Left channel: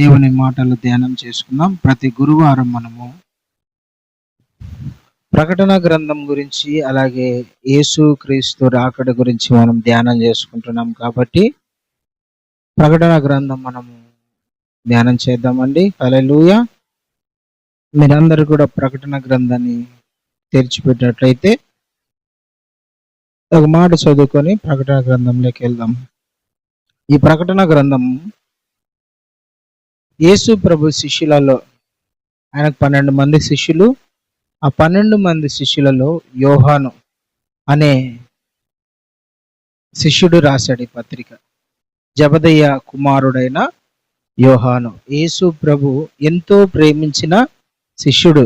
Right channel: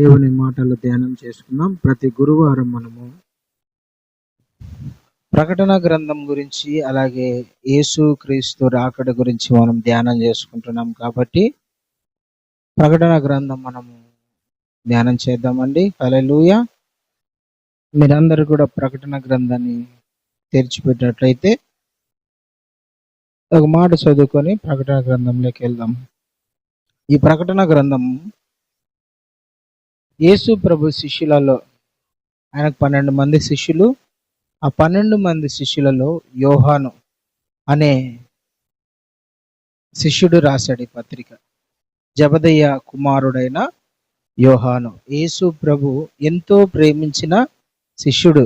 దేవుని మాటలు ధ్యానం చేసుకుందాం. ప్రతి గురువారం మనము ప్రకటన గ్రంథం గురించి, అలాగే యేసు క్రీస్తు రాకడ గురించి మనం ధ్యానం చేసుకుంటున్నాం కాబట్టి ప్రకటన గ్రంథం మనము ధ్యానం చేద్దామండి. హల్లెలూయా. మీరందరూ కూడా ప్రకటన గ్రంథాన్ని తెరిచిపెట్టినట్లయితే ఒక మాట చదువుకొని ప్రకటన గ్రంథంలోకి వెళ్దాం. ఈ ప్రకటన గ్రంథం యేసు ప్రభు శిష్యులలో, ఆయనకు 12 మంది శిష్యులు. ఆ 12 మంది శిష్యులలో యోహాను అనే శిష్యుడు రాశాడు ఈ పత్రిక. జబదయ్య కుమారుడైన యోహాను యేసు ప్రభు ఎంతో ప్రేమించిన శిష్యుడు.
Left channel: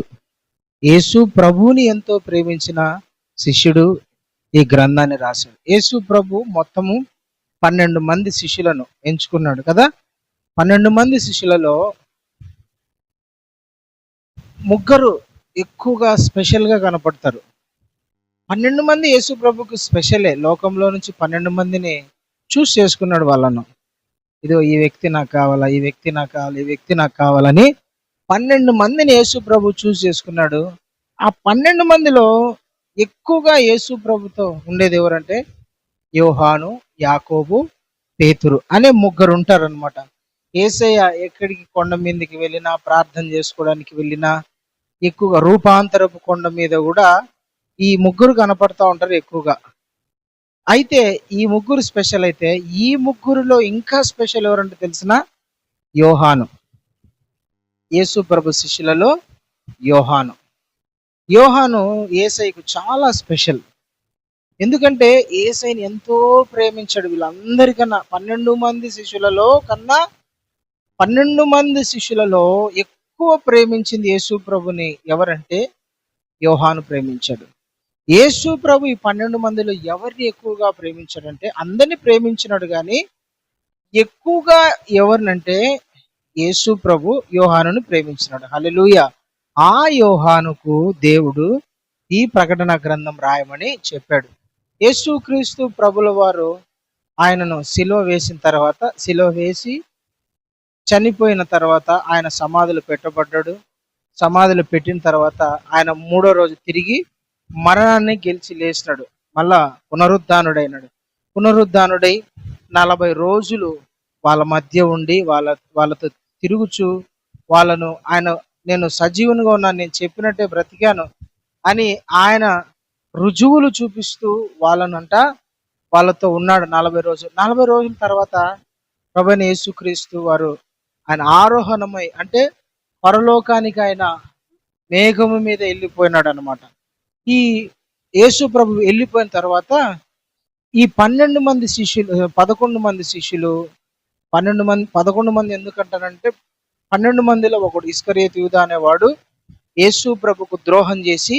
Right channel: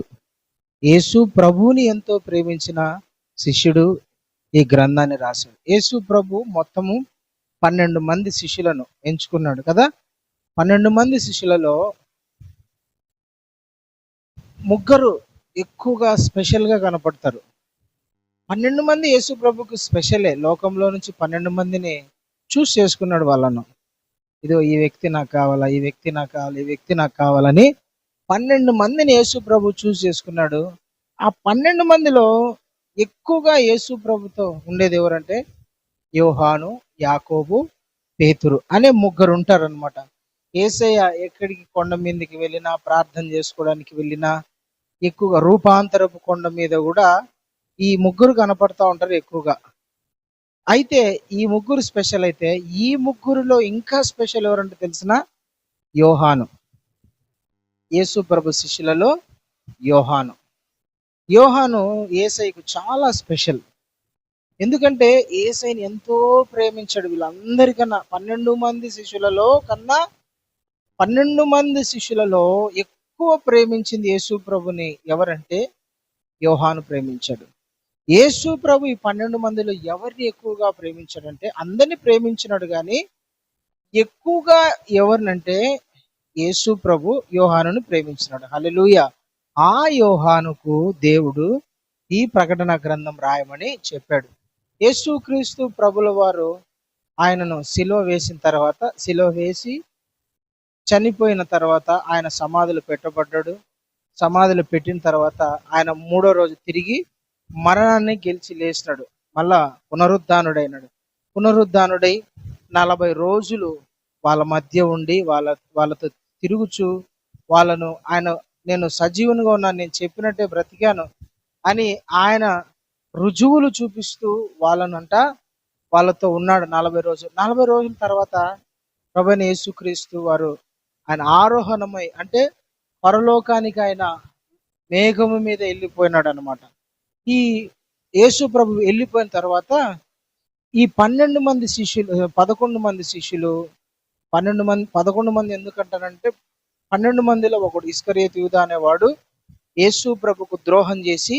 యేసు ప్రభువుని ఎంతో ప్రేమించిన శిష్యుడు ఈ గ్రంథాన్ని రాశాడు. యేసు ప్రభు మొత్తము 12 మంది శిష్యులను ఎంచుకున్నాడు కదా. 12 మంది శిష్యులలో ముగ్గురు ఎక్కువగా స్పెషల్గా కనపడతారు. 12 మంది యేసు ప్రభుకు స్పెషలే. లోకంలో నుంచి 12 మందిని చూస్ చేసుకున్నాడు వాళ్ళను. ఇదో ఈ వ్యక్తి నాకు కావాలా, ఈ వ్యక్తి నాకు కావాలి, ఈ వ్యక్తి నాకు కావాలని 12 మందిని యేసు ప్రభు చూస్ చేసుకున్నాడు. ఆ 12 మందిలో ఎక్కువగా యేసు ప్రభుతో ఉండేది ఎవరంటే యోహాను, యాకోబు, పేతురు అనే ముగ్గురు ఉంటారనమాట. యేసయ్య ఎక్కడికి కొండ మీదకి వెళ్ళినా, ప్రార్థన చేసుకోవడానికి వెళ్ళినా, ఎక్కువగా రూపాంతరపు కొండ మీద కూడా ఈ ముగ్గురు కనపడతా ఉంటారు ఎక్కువగా. అయితే ఈ ముగ్గురు స్పెషల్. అయితే ఈ ముగ్గురులో ఇంకా స్పెషల్ ఎవరంటే తెలిసిన యోహాను. యేసు ప్రభు శిష్యులలో యోహాను. యోహాను యేసయ్యకు చాలా స్పెషల్. ఎందుకంటే యేసయ్యని ఎంతో ప్రేమించాడు. వీళ్ళందరికన్నా 12 మంది శిష్యులలో కన్నా 12 మంది శిష్యులలో ఎక్కువ ప్రేమించింది యేసు ప్రభుని ఎవరంటే యోహాను ప్రేమించాడు. యేసు ప్రభు ఈ 12 మందిలో ఎవరిని ఎక్కువగా ప్రేమించాడంటే అందరిని ప్రేమించినాడు, కానీ ఎక్కువగా ఎవరినంటే యేసు ప్రభు యోహానును ప్రేమించినాడు. హల్లెలూయా. ఆ యోహానుకు దేవుడు ఈ ప్రకటన గ్రంథం రాయమని చెప్పాడు. యేసు క్రీస్తు ప్రభుల వారు ఆయనను సిలువ వేసిన తర్వాత, సిలువ వేసి చనిపోయిన తర్వాత ఆయన సమాధులు పెట్టబడ్డాడు. సమాధులు పెట్టిన తర్వాత ఆయన 3వ రోజు తిరిగి మరణాన్ని గెలిచి లేచినాడు. మళ్ళా పునరుద్ధానుడైనాడు. పునరుద్ధానుడై 40 రోజులు వాళ్ళ మధ్య ఉండి వాళ్ళతో తిరుగుచు వాళ్ళను ఆయన నేను సజీవునిగా ఉన్నాను, నేను చెప్పినట్టే బ్రతికాను అని ఆయన రుజువులు చూపిస్తూ వాళ్ళతో ఉన్నాడు 40 రోజులు. 40 రోజుల తర్వాత ప్రభువైన యేసుక్రీస్తు వారు ఆయన ఆరోహణమై, అంటే పరలోకానికి ఆయన మేఘము మీద వెళ్ళిపోయినాడు అనమాట. ఈ యేసు ప్రభు వెళ్ళిపోయిన తర్వాత ఈ 12 మంది శిష్యులు, 11 మంది శిష్యులు, 11 మంది ఎందుకంటానంటే 12 మందిలో ఒకడు ఇస్కరియోతు యూదా అనేవాడు యేసు ప్రభుకు ద్రోహం చేసి,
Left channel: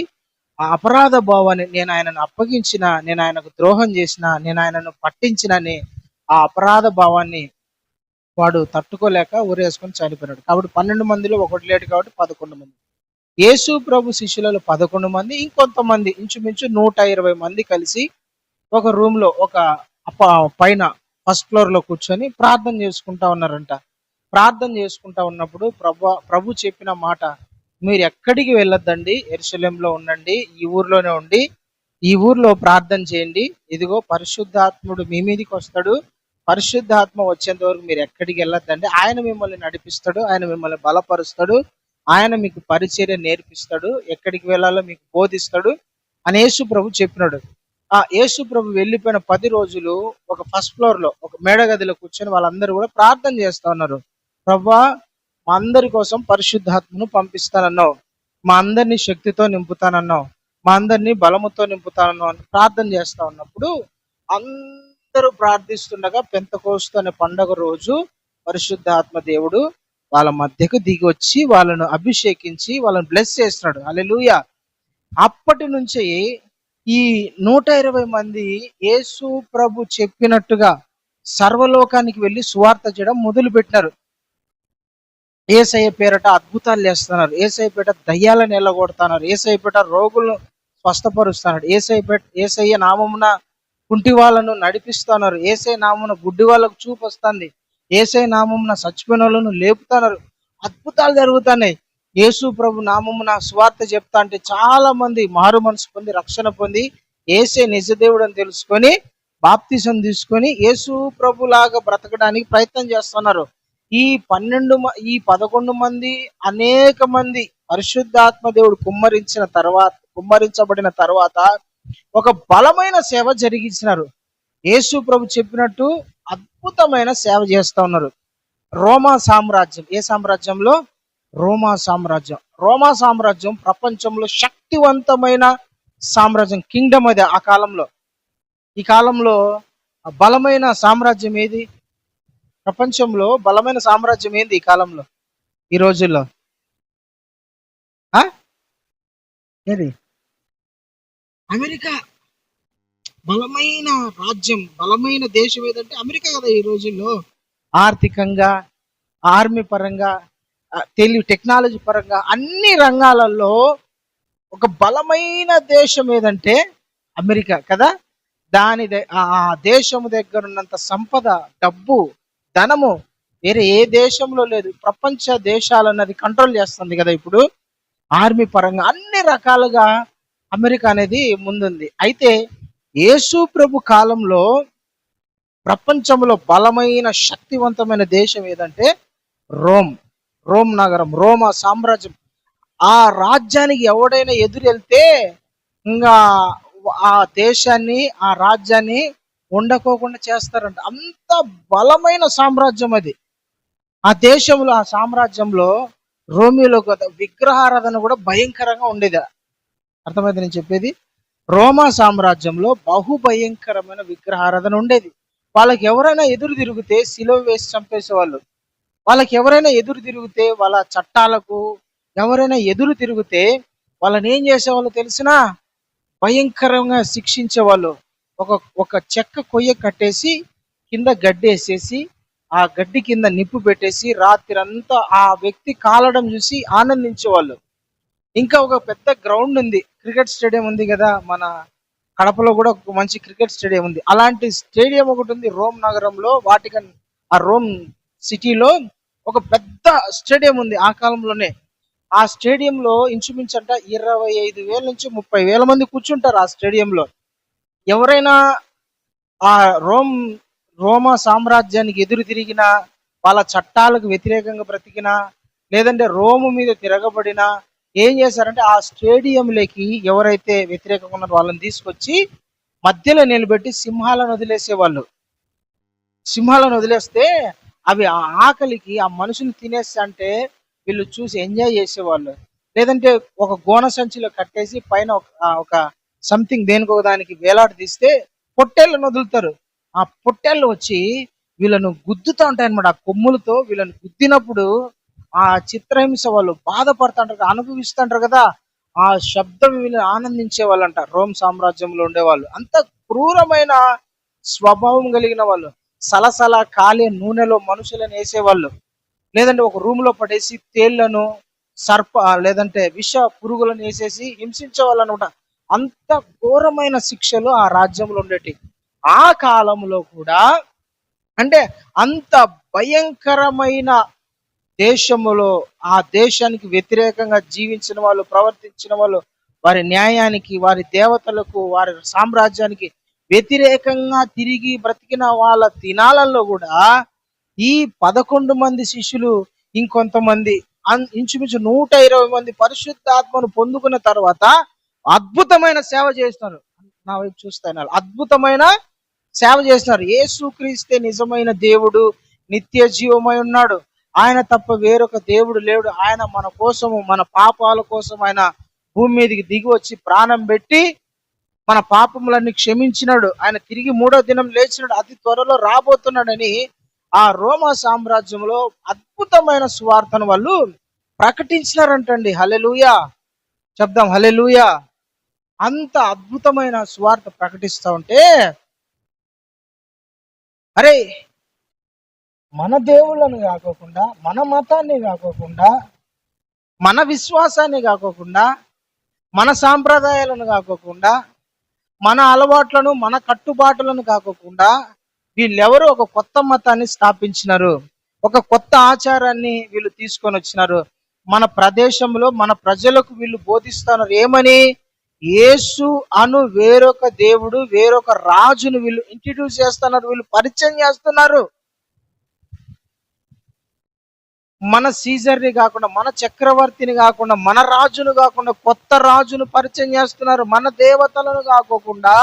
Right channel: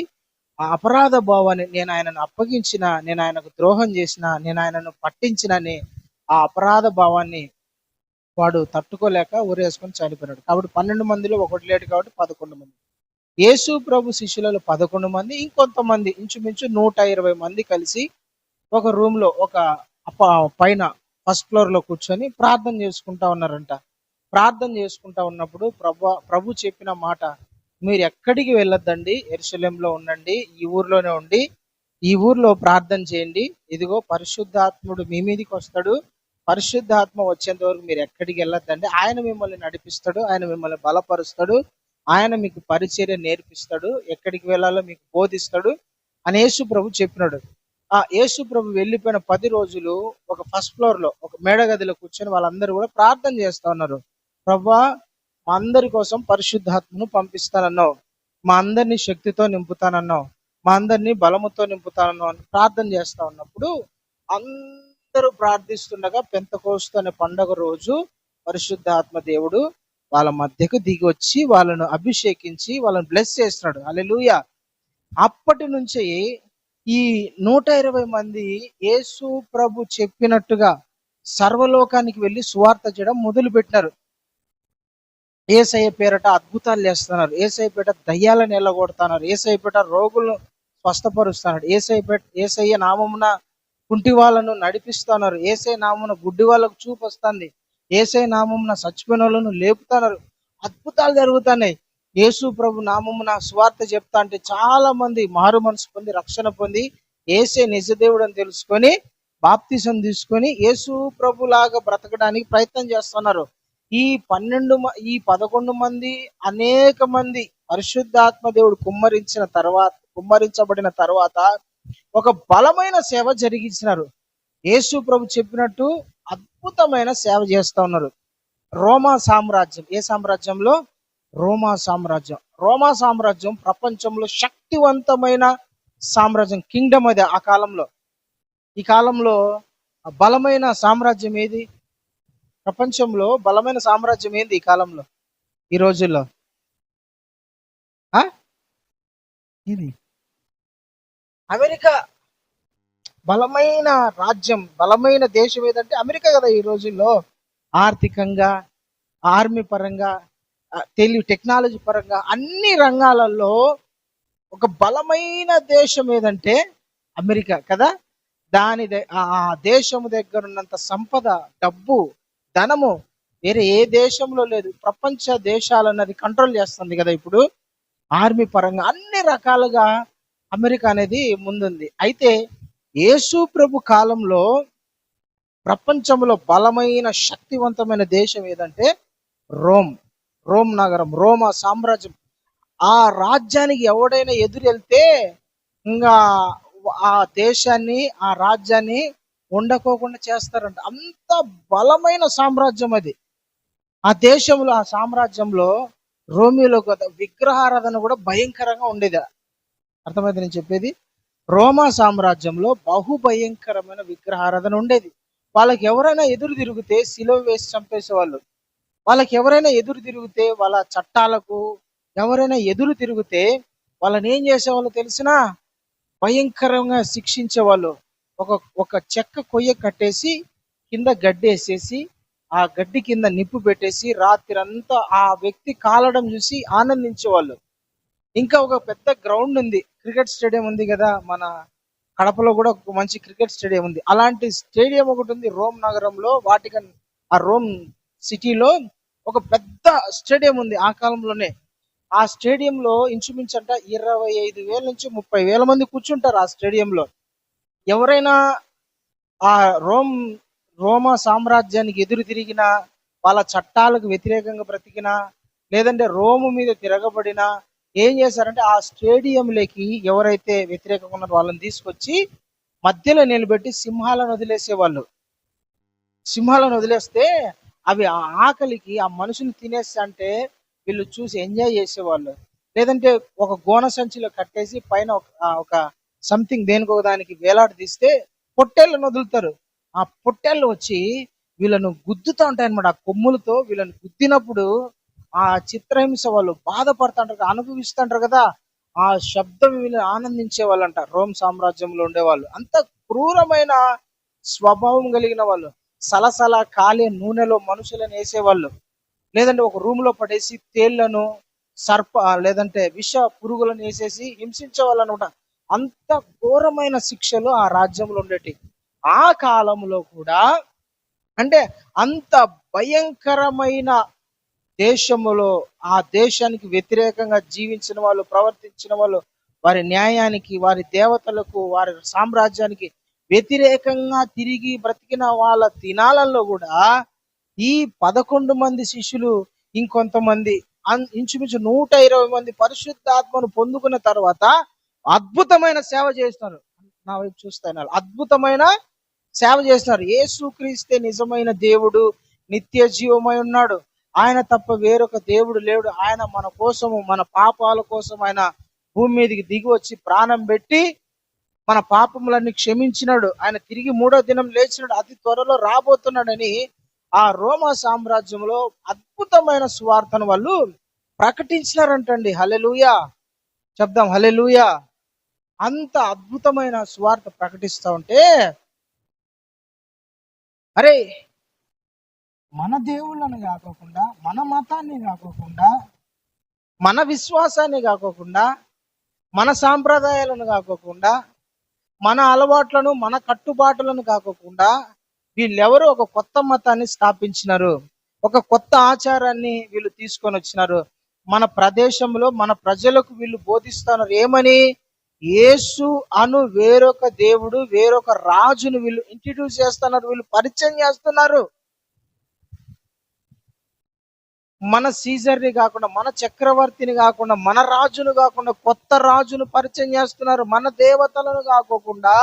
ఆ అపరాధ భావాన్ని, నేను ఆయనను అప్పగించిన, నేను ఆయనకు ద్రోహం చేసిన, నేను ఆయనను పట్టించినని ఆ అపరాధ భావాన్ని వాడు తట్టుకోలేక ఊరేసుకొని చనిపోయినాడు. కాబట్టి 12 మందిలో ఒకటి లేడు కాబట్టి 11 మంది. యేసు ప్రభు శిష్యులలో 11 మంది, ఇంకొంతమంది ఇంచుమించు 120 మంది కలిసి ఒక రూమ్ లో, ఒక పైన ఫస్ట్ ఫ్లోర్ లో కూర్చొని ప్రార్థన చేసుకుంటా ఉన్నారంట. ప్రార్థన చేసుకుంటా ఉన్నప్పుడు ప్రభు చెప్పిన మాట, మీరు ఎక్కడికి వెళ్ళొద్దండి, యెరూషలేంలో ఉండండి, ఈ ఊర్లోనే ఉండి ఈ ఊర్లో ప్రార్థన చేయండి. ఇదిగో పరిశుద్ధాత్ముడు మీ మీదకి వస్తాడు, పరిశుద్ధాత్మ వచ్చేంత వరకు మీరు ఎక్కడికి వెళ్ళొద్దండి. ఆయన మిమ్మల్ని నడిపిస్తాడు, ఆయన మిమ్మల్ని బలపరుస్తాడు, ఆయన మీకు పరిచర్య నేర్పిస్తాడు, ఎక్కడికి వెళ్ళాలో మీకు బోధిస్తాడు అని యేసు ప్రభు చెప్పినాడు. ఆ యేసు ప్రభు వెళ్ళిపోయిన 10 రోజులు ఒక ఫస్ట్ ఫ్లోర్ లో, ఒక మేడగదిలో కూర్చొని వాళ్ళందరూ కూడా ప్రార్థన చేస్తా ఉన్నారు. ప్రభువా, మా అందరి కోసం పరిశుద్ధాత్మను పంపిస్తానన్నావు, మా అందరినీ శక్తితో నింపుతానన్నావు, మా అందరినీ బలముతో నింపుతానన్నావు అని ప్రార్థన చేస్తా ఉన్నప్పుడు అందరూ ప్రార్థిస్తుండగా పెంతెకోస్తు అనే పండగ రోజు పరిశుద్ధాత్మ దేవుడు వాళ్ళ మధ్యకు దిగి వచ్చి వాళ్ళను అభిషేకించి వాళ్ళని బ్లెస్ చేస్తున్నాడు. హల్లెలూయా. అప్పటి నుంచి ఈ 120 మంది యేసు ప్రభు చెప్పినట్టుగా సర్వలోకానికి వెళ్ళి సువార్త చేయడం మొదలు పెట్టినారు. యేసయ్య పేరట అద్భుతాలు చేస్తున్నారు, యేసయ్య పేట దయ్యాలను ఎల్లగొడుతున్నారు, యేసయ్య పేట రోగులను స్వస్థపరుస్తున్నారు, యేసయ్య నామమున కుంటి వాళ్ళను నడిపిస్తున్నారు, యేసయ్య నామమున గుడ్డి వాళ్ళకు చూపు వస్తుంది, యేసయ్య నామమున చచ్చిపోయిన వాళ్ళను లేపుతున్నారు. అద్భుతాలు జరుగుతున్నాయి. యేసు ప్రభు నామమున సువార్త చెప్తా అంటే చాలా మంది మారు మనసు పొంది రక్షణ పొంది యేసే నిజ దేవుడు అని తెలుసుకొని బాప్తిసం తీసుకొని యేసు ప్రభు లాగా బ్రతకడానికి ప్రయత్నం చేస్తున్నారు. ఈ 11 మంది అనేక మంది పరిశుద్ధాత్మ దేవుడు కుమ్మరించబడిన తర్వాత ఒక బలమైన సేవ జరిగించినారు. యేసు ప్రభు చెప్పినట్టు అద్భుతమైన సేవ చేస్తా ఉన్నారు. రోమా సామ్రాజ్యం, ఏ సామ్రాజ్యంలో? రోమా సామ్రాజ్యం. రోమా సామ్రాజ్యం ప్రపంచంలో శక్తివంతమైన సామ్రాజ్యం, కింగ్డమ్ అది ఆ కాలంలో. ఈ కాలంలో బలమైన సామ్రాజ్యం ఏది? ప్రపంచంలో బలమైన సామ్రాజ్యం ఏంది ఈ కాలంలో, ఈ రోజుల్లో? ఏది? అమెరికా. బలమైన రాజ్యం, బలమైన దేశం ఏదంటే అమెరికా కదా ఈ రోజుల్లో. ఆర్థికంగా, ఆర్మీ పరంగా, టెక్నాలజీ పరంగా అన్ని రంగాలలో ఒక బలమైన దేశం ఏదంటే అమెరికా కదా. ఆ దేశము దగ్గర ఉన్నంత సంపద, డబ్బు, ధనము వేరే ఏ దేశంలో లేదు. ప్రపంచ దేశాలన్నది కంట్రోల్ చేస్తుంది కదా ఇప్పుడు. ఆర్మీ పరంగా అన్ని రకాలుగా అమెరికా అనేది ముందుంది. అయితే యేసు ప్రభు కాలంలో ప్రపంచంలో బలమైన శక్తివంతమైన దేశం ఏదంటే రోమ్ నగరం, రోమా సామ్రాజ్యం. ఆ రాజ్యానికి ఎవడైనా ఎదురెళ్తే ఇంకా ఆ దేశాన్ని, ఆ రాజ్యాన్ని ఉండకోకుండా చేస్తారంట. అంత బలమైన సామ్రాజ్యం అది. ఆ దేశంలో, ఆ సామ్రాజ్యంలో రోమియోలో విగ్రహారాధన కూడా భయంకరంగా ఉండేది. అర్థమైంది నేను చెప్పేది? రోమా సామ్రాజ్యంలో బహుభయంకరమైన విగ్రహారాధన ఉండేది. వాళ్ళకి ఎవరైనా ఎదురు తిరిగితే సిలువ వేసి చంపేసేవాళ్ళు. వాళ్ళకి ఎవరైనా ఎదురు తిరిగితే, వాళ్ళ చట్టాలకు ఎవరైనా ఎదురు తిరిగితే వాళ్ళని ఏం చేసేవాళ్ళు తెలిసినా? భయంకరంగా శిక్షించేవాళ్ళు. ఒక చెక్క కొయ్య కట్టేసి కింద గడ్డి వేసేసి ఆ గడ్డి కింద నిప్పు పెట్టేసి రాత్రి అంతా ఆ వ్యక్తి కాలడం చూసి ఆనందించేవాళ్ళు. ఇంకా ఒక పెద్ద గ్రౌండ్ ఉంది, క్రికెట్ స్టేడియం ఉంది కదా, మన కడపలో కూడా ఒక మంచి క్రికెట్ స్టేడియం ఉంది. అలాంటి స్టేడియం ఒకటి ఉంది రోమ్ నగరంలో, వాటికన్, ఆ రోమ్ సిటీలో ఒక పెద్ద స్టేడియం ఉంది ఆ కాలంలోనే. ఆ స్టేడియంలో ఇంచుమించు 25,000 నుంచి 30,000 మంది కూర్చుంటారు ఆ స్టేడియంలో. ఎవరైనా ఆ రోమా సామ్రాజ్యానికి ఎదురు తిరిగినా, వాళ్ళ చట్టాలకు వ్యతిరేకంగా బ్రతికినా, లేదంటే రోము మీద తిరగబడినా ఏం చేశారంటే ఆ స్టేడియంలోకి ఎవరైతే వ్యతిరేకంగా ఉన్నారో వాళ్ళని తీసుకొచ్చి మధ్యలో నిలబెట్టి సింహాలను వదిలేసేవాళ్ళు. సింహాలను వదిలేస్తే అవి ఆ ఆకలికి ఆ మనుషులు తినేస్తా అంటే వీళ్ళు చూసి ఎంజాయ్ చేసేవాళ్ళు. లేదంటే ఒక గోన సంచిలో కట్టేసి పైన ఒక సంథింగ్ దేనికో దానికి వేలాడి తీస్తే పొట్టేళ్ళను వదులుతారు. ఆ పొట్టేళ్ళు వచ్చి వీళ్ళను గుద్దుతూ ఉంటాయి అనమాట. ఆ కొమ్ములతో వీళ్ళని గుద్దినప్పుడు ఆ చిత్రహింస వాళ్ళు బాధపడుతుంటారు, అనుభవిస్తుంటారు కదా. ఆ శబ్దం వీళ్ళు ఆనందించే వాళ్ళంట రోమ్ సామ్రాజ్యంలో ఉండేవాళ్ళు. అంత క్రూరమైన స్వభావం కలిగిన వాళ్ళు. సలసల కాలే నూనెలో మనుషులను వేసేవాళ్ళు. లేదంటే ఒక రూమ్ లో పడేసి తేళ్లను, లేదంటే విష పురుగులను వేసేసి హింసించే వాళ్ళు అనమాట. అంత ఘోరమైన శిక్షలు ఆ రాజ్యంలో ఉండేటి. ఆ కాలంలో కూడా అంటే అంత భయంకరమైన దేశములో ఆ దేశానికి వ్యతిరేకంగా జీవించిన వాళ్ళు, ప్రవర్తించిన వాళ్ళు, వారి న్యాయానికి, వారి దేవతలకు, వారి సామ్రాజ్యానికి వ్యతిరేకంగా తిరిగి బ్రతికిన వాళ్ళ దినాలలో కూడా ఈ 11 మంది శిష్యులు, ఇంకొంతమంది ఇంచుమించు 120 మంది పరిశుద్ధాత్మను పొందుకున్న తర్వాత అద్భుతమైన సేవ చేస్తున్నారు. నా వైపు చూస్తున్నారు, అద్భుతమైన సేవ చేస్తున్నారు. యేసుక్రీస్తే నిజమైన దేవుడు, నిత్య జీవమై ఉన్నాడు. ఆయన తప్ప వేరొక దేవుడు లేడు. ఆయన మన కోసము, మన పాపాల కోసం ఆయన భూమి మీదకి దిగి వచ్చి ప్రాణం పెట్టి మన పాపములన్నీ క్షమించినాడు. ఆయన తిరిగి 3వ దినం లేచినాడు, అతి త్వరలో రాబోతున్నాడని ఆ రోమా సామ్రాజ్యంలో అద్భుతమైన సువార్తను వాళ్ళు ప్రకటించినారంటండి. హల్లెలూయా చెప్దాం, హల్లెలూయా. అంత అద్భుతమైన సువార్త ప్రకటిస్తూ ఉంటే, అరే మన దేవుళ్ళని కాకోకుండా, మన మతాన్ని కాకోకుండా, మన విశ్వాసాన్ని కాకోకుండా, మన సాంప్రదాయాలను కాకోకుండా, మన అలవాట్లను, మన కట్టుబాటులను కాకోకుండా వీళ్ళెవరు ఒక కొత్త మతాన్ని స్థాపించినారు, ఒక కొత్త ఆచారాన్ని వీళ్ళు తీసుకొని వచ్చినారు. మన ప్రదేశంలో మన ప్రజలకు వీళ్ళు బోధిస్తున్నారు ఏమని? యేసు అను వేరొక దేవుడు, వేరొక రాజును వీళ్ళు ఇంట్రడ్యూస్ చేస్తున్నారు, వీళ్ళు పరిచయం చేస్తున్నారు. మన సీజర్ని కాకుండా, మన చక్రవర్తిని కాకుండా, మన రాజును కాకుండా కొత్త రాజును పరిచయం చేస్తున్నారు. మన దేవతలను కాకోకుండా,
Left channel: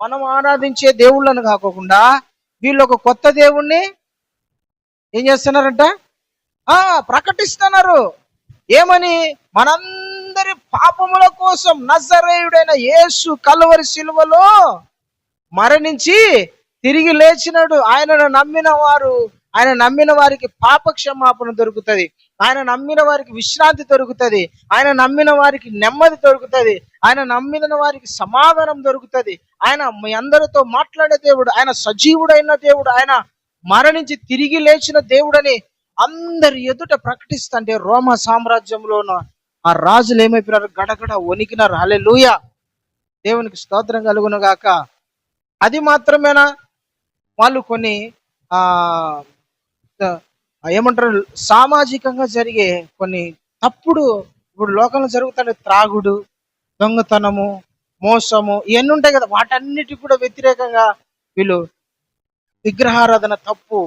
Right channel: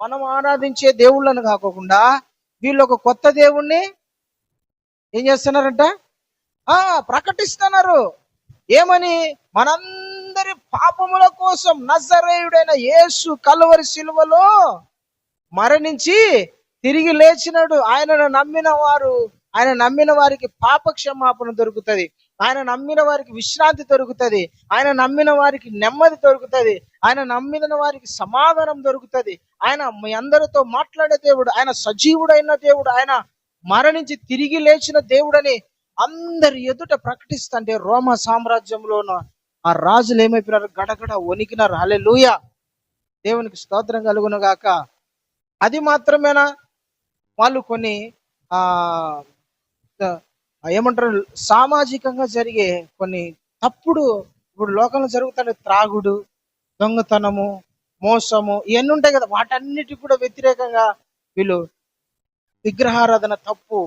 మనం ఆరాధించే దేవుళ్ళను కాకోకుండా వీళ్ళు ఒక కొత్త దేవుణ్ణి ఏం చేస్తున్నారంట? ప్రకటిస్తున్నారు. ఏమని? మనందరి పాపముల కోసం నజరేయుడైన యేసు కలువరి శిలువలో మరణించి తిరిగి లేచినాడు. ఆయన నమ్మిన వారికి పాప క్షమాపణ దొరుకుతుంది, ఆయన నమ్మిన వారికి విశ్రాంతి దొరుకుతుంది, ఆయన నమ్మిన వారికి నెమ్మది దొరుకుతుంది, ఆయన నమ్మిన వారికి సమాధానం దొరుకుతుంది. ఆయన మీ అందరితో మాట్లాడే దేవుడు, ఆయన సజీవుడైన దేవుడు, ఆయన మరణించి తిరిగి లేచిన దేవుడని అందరి ఎదుట ప్రకటిస్తుంటే రోమా సామ్రాజ్యంలో ఆ రాజులు ఏమైపోయినారు? గడగడ వణికినారు. హల్లెలూయా, దేవునికి స్తోత్రం కలుగును గాక. అది మాత్రమేనా? వాళ్ళు కొన్ని ఏమంటారు, సామాజికంగా జరిగే కొన్ని తప్పుడు, ఇప్పుడు లోకంలో జరుగుతాడు త్రాగుడు, దొంగతనము, మోసము, ఇవన్నీ ఉంటాయి కదా, వాటన్నిటికి కూడా వ్యతిరేకంగా వీళ్ళు విగ్రహారాధన తప్పు,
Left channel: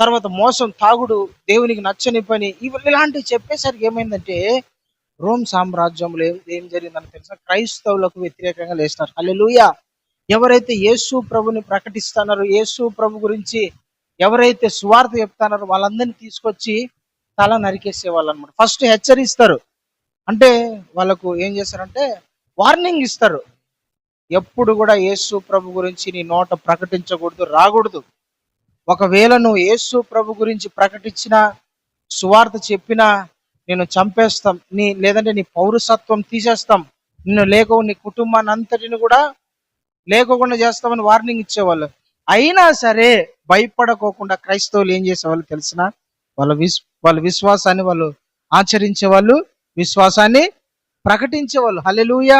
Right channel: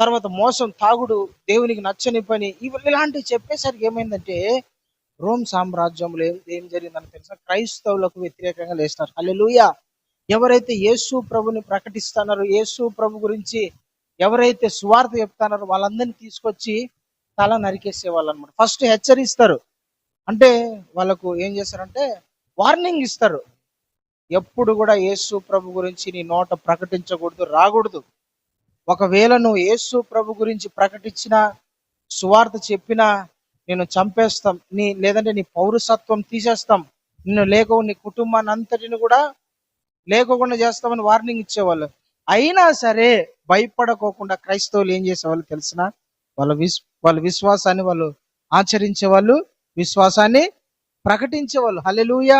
తర్వాత మోసం, తాగుడు, దేవునికి నచ్చని పని, ఇలాంటివి చెప్పేసరికి ఏమైందంటే రోమ్ సామ్రాజ్యంలో ఏం జరిగిందని తెలుసా? క్రైస్తవులకు వ్యతిరేకంగా లేస్తారు. హల్లెలూయా. ఎవరైతే యేసు ప్రభుని ప్రకటిస్తున్నారో, యేసు ప్రభు గురించి ఎవరైతే సువార్త చెప్తున్నారో వాళ్ళందరినీ తీసుకొచ్చి తల నరికేసే వాళ్ళు అనమాట. ఫస్ట్ హెచ్చరిస్తారు, అంటే వాళ్ళకు ఏం చేస్తారంటే వార్నింగ్ ఇస్తారు. ఎప్పుడు కూడా యేసు ప్రభు గురించి నీ నోట ప్రకటించకూడదు, రాకూడదు. ఒకవేళ నువ్వు యేసు ప్రభు గురించి ప్రకటించిన, సువార్త చెప్పినా నేను చంపేస్తాం, లేదంటే నీ పౌరసత్వం తీసేస్తాం, నిన్ను నీ కుటుంబాన్ని అంతటిని కూడా లేకోకుండా చేస్తామని వార్నింగ్ ఇచ్చేవాళ్ళు. అయినా సరే భయపడకోకుండా క్రైస్తవులు ఏం చేసేవాళ్ళు తెలిసిన? వాళ్ళ విశ్వాసాన్ని వాళ్ళు ఆచరించేవాళ్ళు, విశ్వాసాన్ని ప్రకటించేవాళ్ళు. హల్లెలూయా.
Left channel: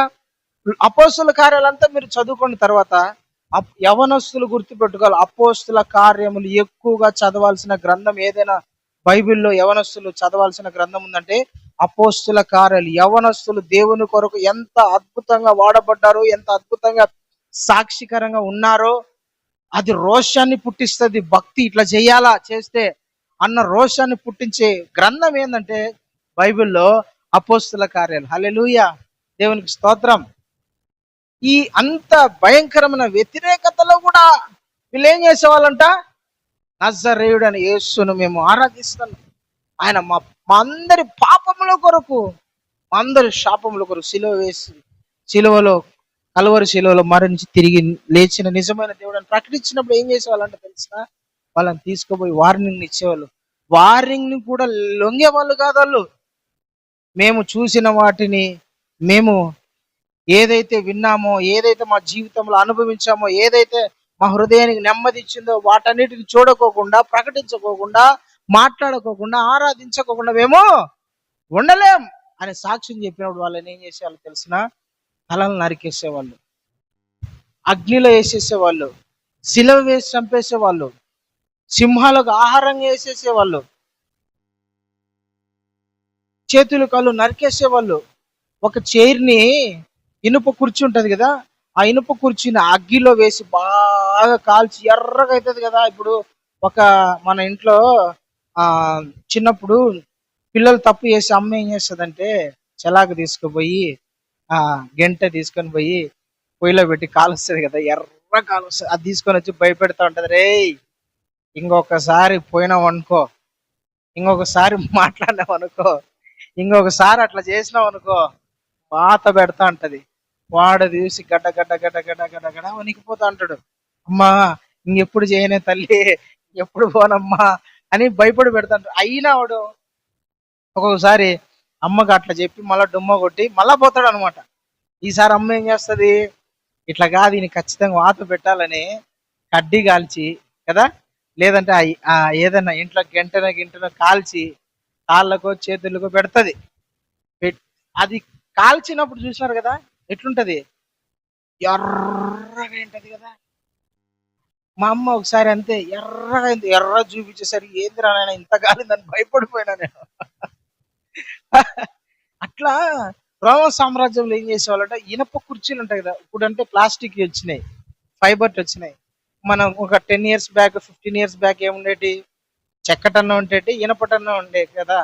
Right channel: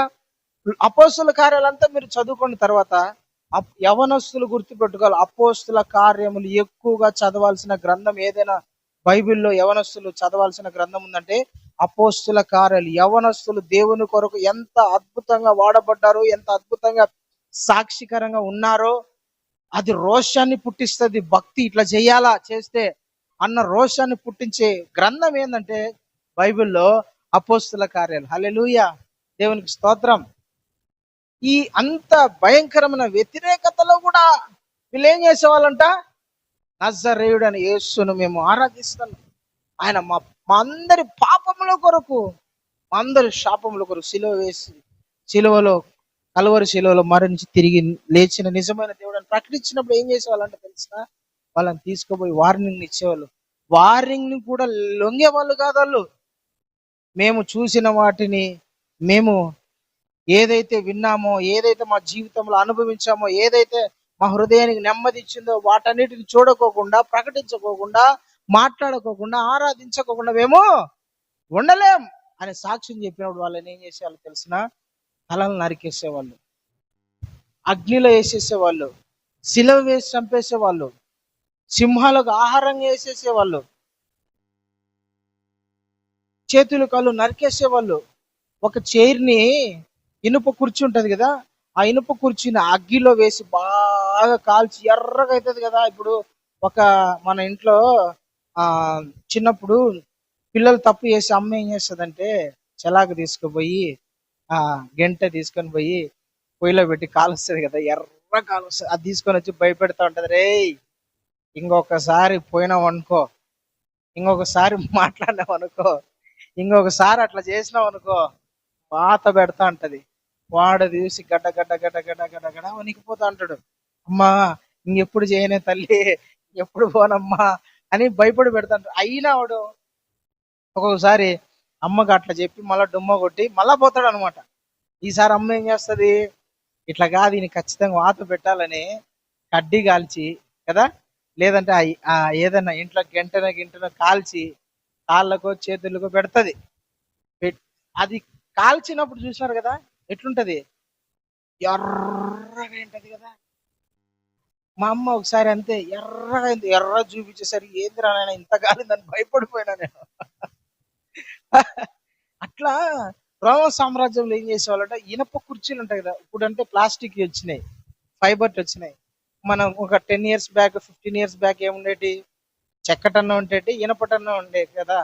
అపోస్తుల కార్యాలంతా మీరు చదువుకున్న తర్వాత యవనస్తులు గుర్తుపెట్టుకోవాలి. అపోస్తుల కార్యములు ఎక్కువగా చదవాల్సిన గ్రంథం ఏదైనా బైబిల్లో యవనస్తులు చదవాల్సిన గ్రంథం ఉందంటే అపోస్తుల కార్యాలు. యవనస్తులు దేవుని కొరకు ఎంత అద్భుతంగా వాడబడ్డారో, ఎంత అద్భుతంగా సాక్షికరంగా ఉన్నారో, అది రోషాన్ని పుట్టిస్తుంది. భక్తి ఇట్లా చేయాలా, చేస్తే అన్న రోషాన్ని పుట్టించే గ్రంథం ఏంటంటే బైబిల్లో అపోస్తుల కార్యాలు. హల్లెలూయా, దేవునికి స్తోత్రం. ఈ అంత భయంకరమైన వ్యతిరేకతలో కూడా వీళ్ళు ఏం చేసేవాళ్ళంట? నజరేయుడు అని యేసును మేము ఆరాధిస్తున్నాం, ఆయన మా అందరి పాపముల కొరకు, మా అందరి శాపముల కొరకు సిలువ వేసి, సిలువలో కలువరి శిలువలో మరణించి తిరిగి లేచిన నిజమైన దేవుడు అని ప్రకటించినప్పుడు ఏం చేసేవాళ్ళంటే తెలుసా? వాళ్ళని తీసుకుపోయి వార్నింగ్ ఇచ్చేవాళ్ళు. వార్నింగ్ ని కూడా లొంగేవాళ్ళు కాదు వాళ్ళు. మేము చూసిన వాటిని, మేము ఏదైతే విన్నామో, ఏదైతే మా జీవితంలో అనుభవించామో, ఏదైతే మా హృదయానికి నెమ్మది ఇచ్చిందో వాటన్నిటిని చూడకోకుండా, ప్రకటించుకోకుండా, మాట్లాడుకోకుండా, ఆరాధించకోకుండా మేము ఉండలేం అని సాక్ష్యం చెప్పినప్పుడు వాళ్ళని ఏం చేసేవాళ్ళు తెలిసిన? తలలు నరికేసేవాళ్ళు, అగ్నిలో వేసేసేవాళ్ళు, శిలువ వేసి చంపేసేవాళ్ళు, సింహాలకు ఆహారంగా వేసేసేవాళ్ళు, చేతులు కాళ్ళు నరికేసేవాళ్ళు. ఒక చైర్ని, ఇనుప కుర్చీ ఉంటది కదా, ఆ ఇనుప కుర్చీని అగ్గిలో వేసి బాగా కాల్చి ఎర్రగా అవుతుంది కదా. ఇప్పుడు మన ఇంట్లో చిన్నప్పుడు పిల్లలు తప్పు చేసి అమ్మ ఏం చేస్తుందంటే చెలాకు తీసుకుపోయి గంట తీసుకొని పోయి పొయ్యిలో పెట్టి కాలుస్తుంది కదా, ఎర్ర కాలుస్తుంది. అది తీసుకొని వచ్చి భయపెడతా ఉంటది, రే ఇంకొకసారి పోయినావు అనుకో, ఇంకొకసారి మాట్లాడినావు అనుకో, ఇంకొకసారి అట్లా చేసినావు అనుకో, పాత పెడతా ఉంటది. వాడు చూసి గడ్డ గడ్డ గడ్డ గడ్డ గడ్డ గడ్డ వణికిపోతా అంటాడు, అమ్మా ఇంకెప్పుడు చేయనే తల్లి, ఎప్పుడు పోనమ్మా అని భయపడి పెడతాడు. అయినా వాడు ఒక్కొక్కసారి అమ్మకి అట్లా చెప్పి మళ్ళా డుమ్మ కొట్టి మళ్ళా పోతాడు అనమాట. ఈసారి అమ్మ ఏం చేస్తుంది? ఇట్లా కాదు, ఈయన ఖచ్చితంగా వాత పెట్టాలని కడ్డీ కాల్చి కదా, లేదంటే ఏదైనా ఇంట్లో గంటన కాల్చి కాళ్ళకో చేతులకు పెడుతుంది. అది కాల్చినప్పుడు చూసినారు కదా ఎట్లుంటది? ఎర్రగా ఉంటది కదా. మా అమ్మ ఒకసారి అంతే ఎర్రగా అయింది. ఎర్ర చూపించేసరికి ఏందిరా నాయన ఇంత కాలిందని భయపడిపోయినా నేను. అట్లా రోమన్ సామ్రాజ్యంలో ఏం చేసేవాళ్ళంటే ఇనప కుర్చీలు ఉంటాయి కదా, ఇప్పుడంటే ప్లాస్టిక్ వచ్చినాయి, ఫైబర్ వచ్చినాయి. మనం ఒక 10 years బ్యాక్, 15 years బ్యాక్ ఏముండేటి, చెక్కటన్నా ఉండేటి, ఇనపటన్నా ఉండే కదా.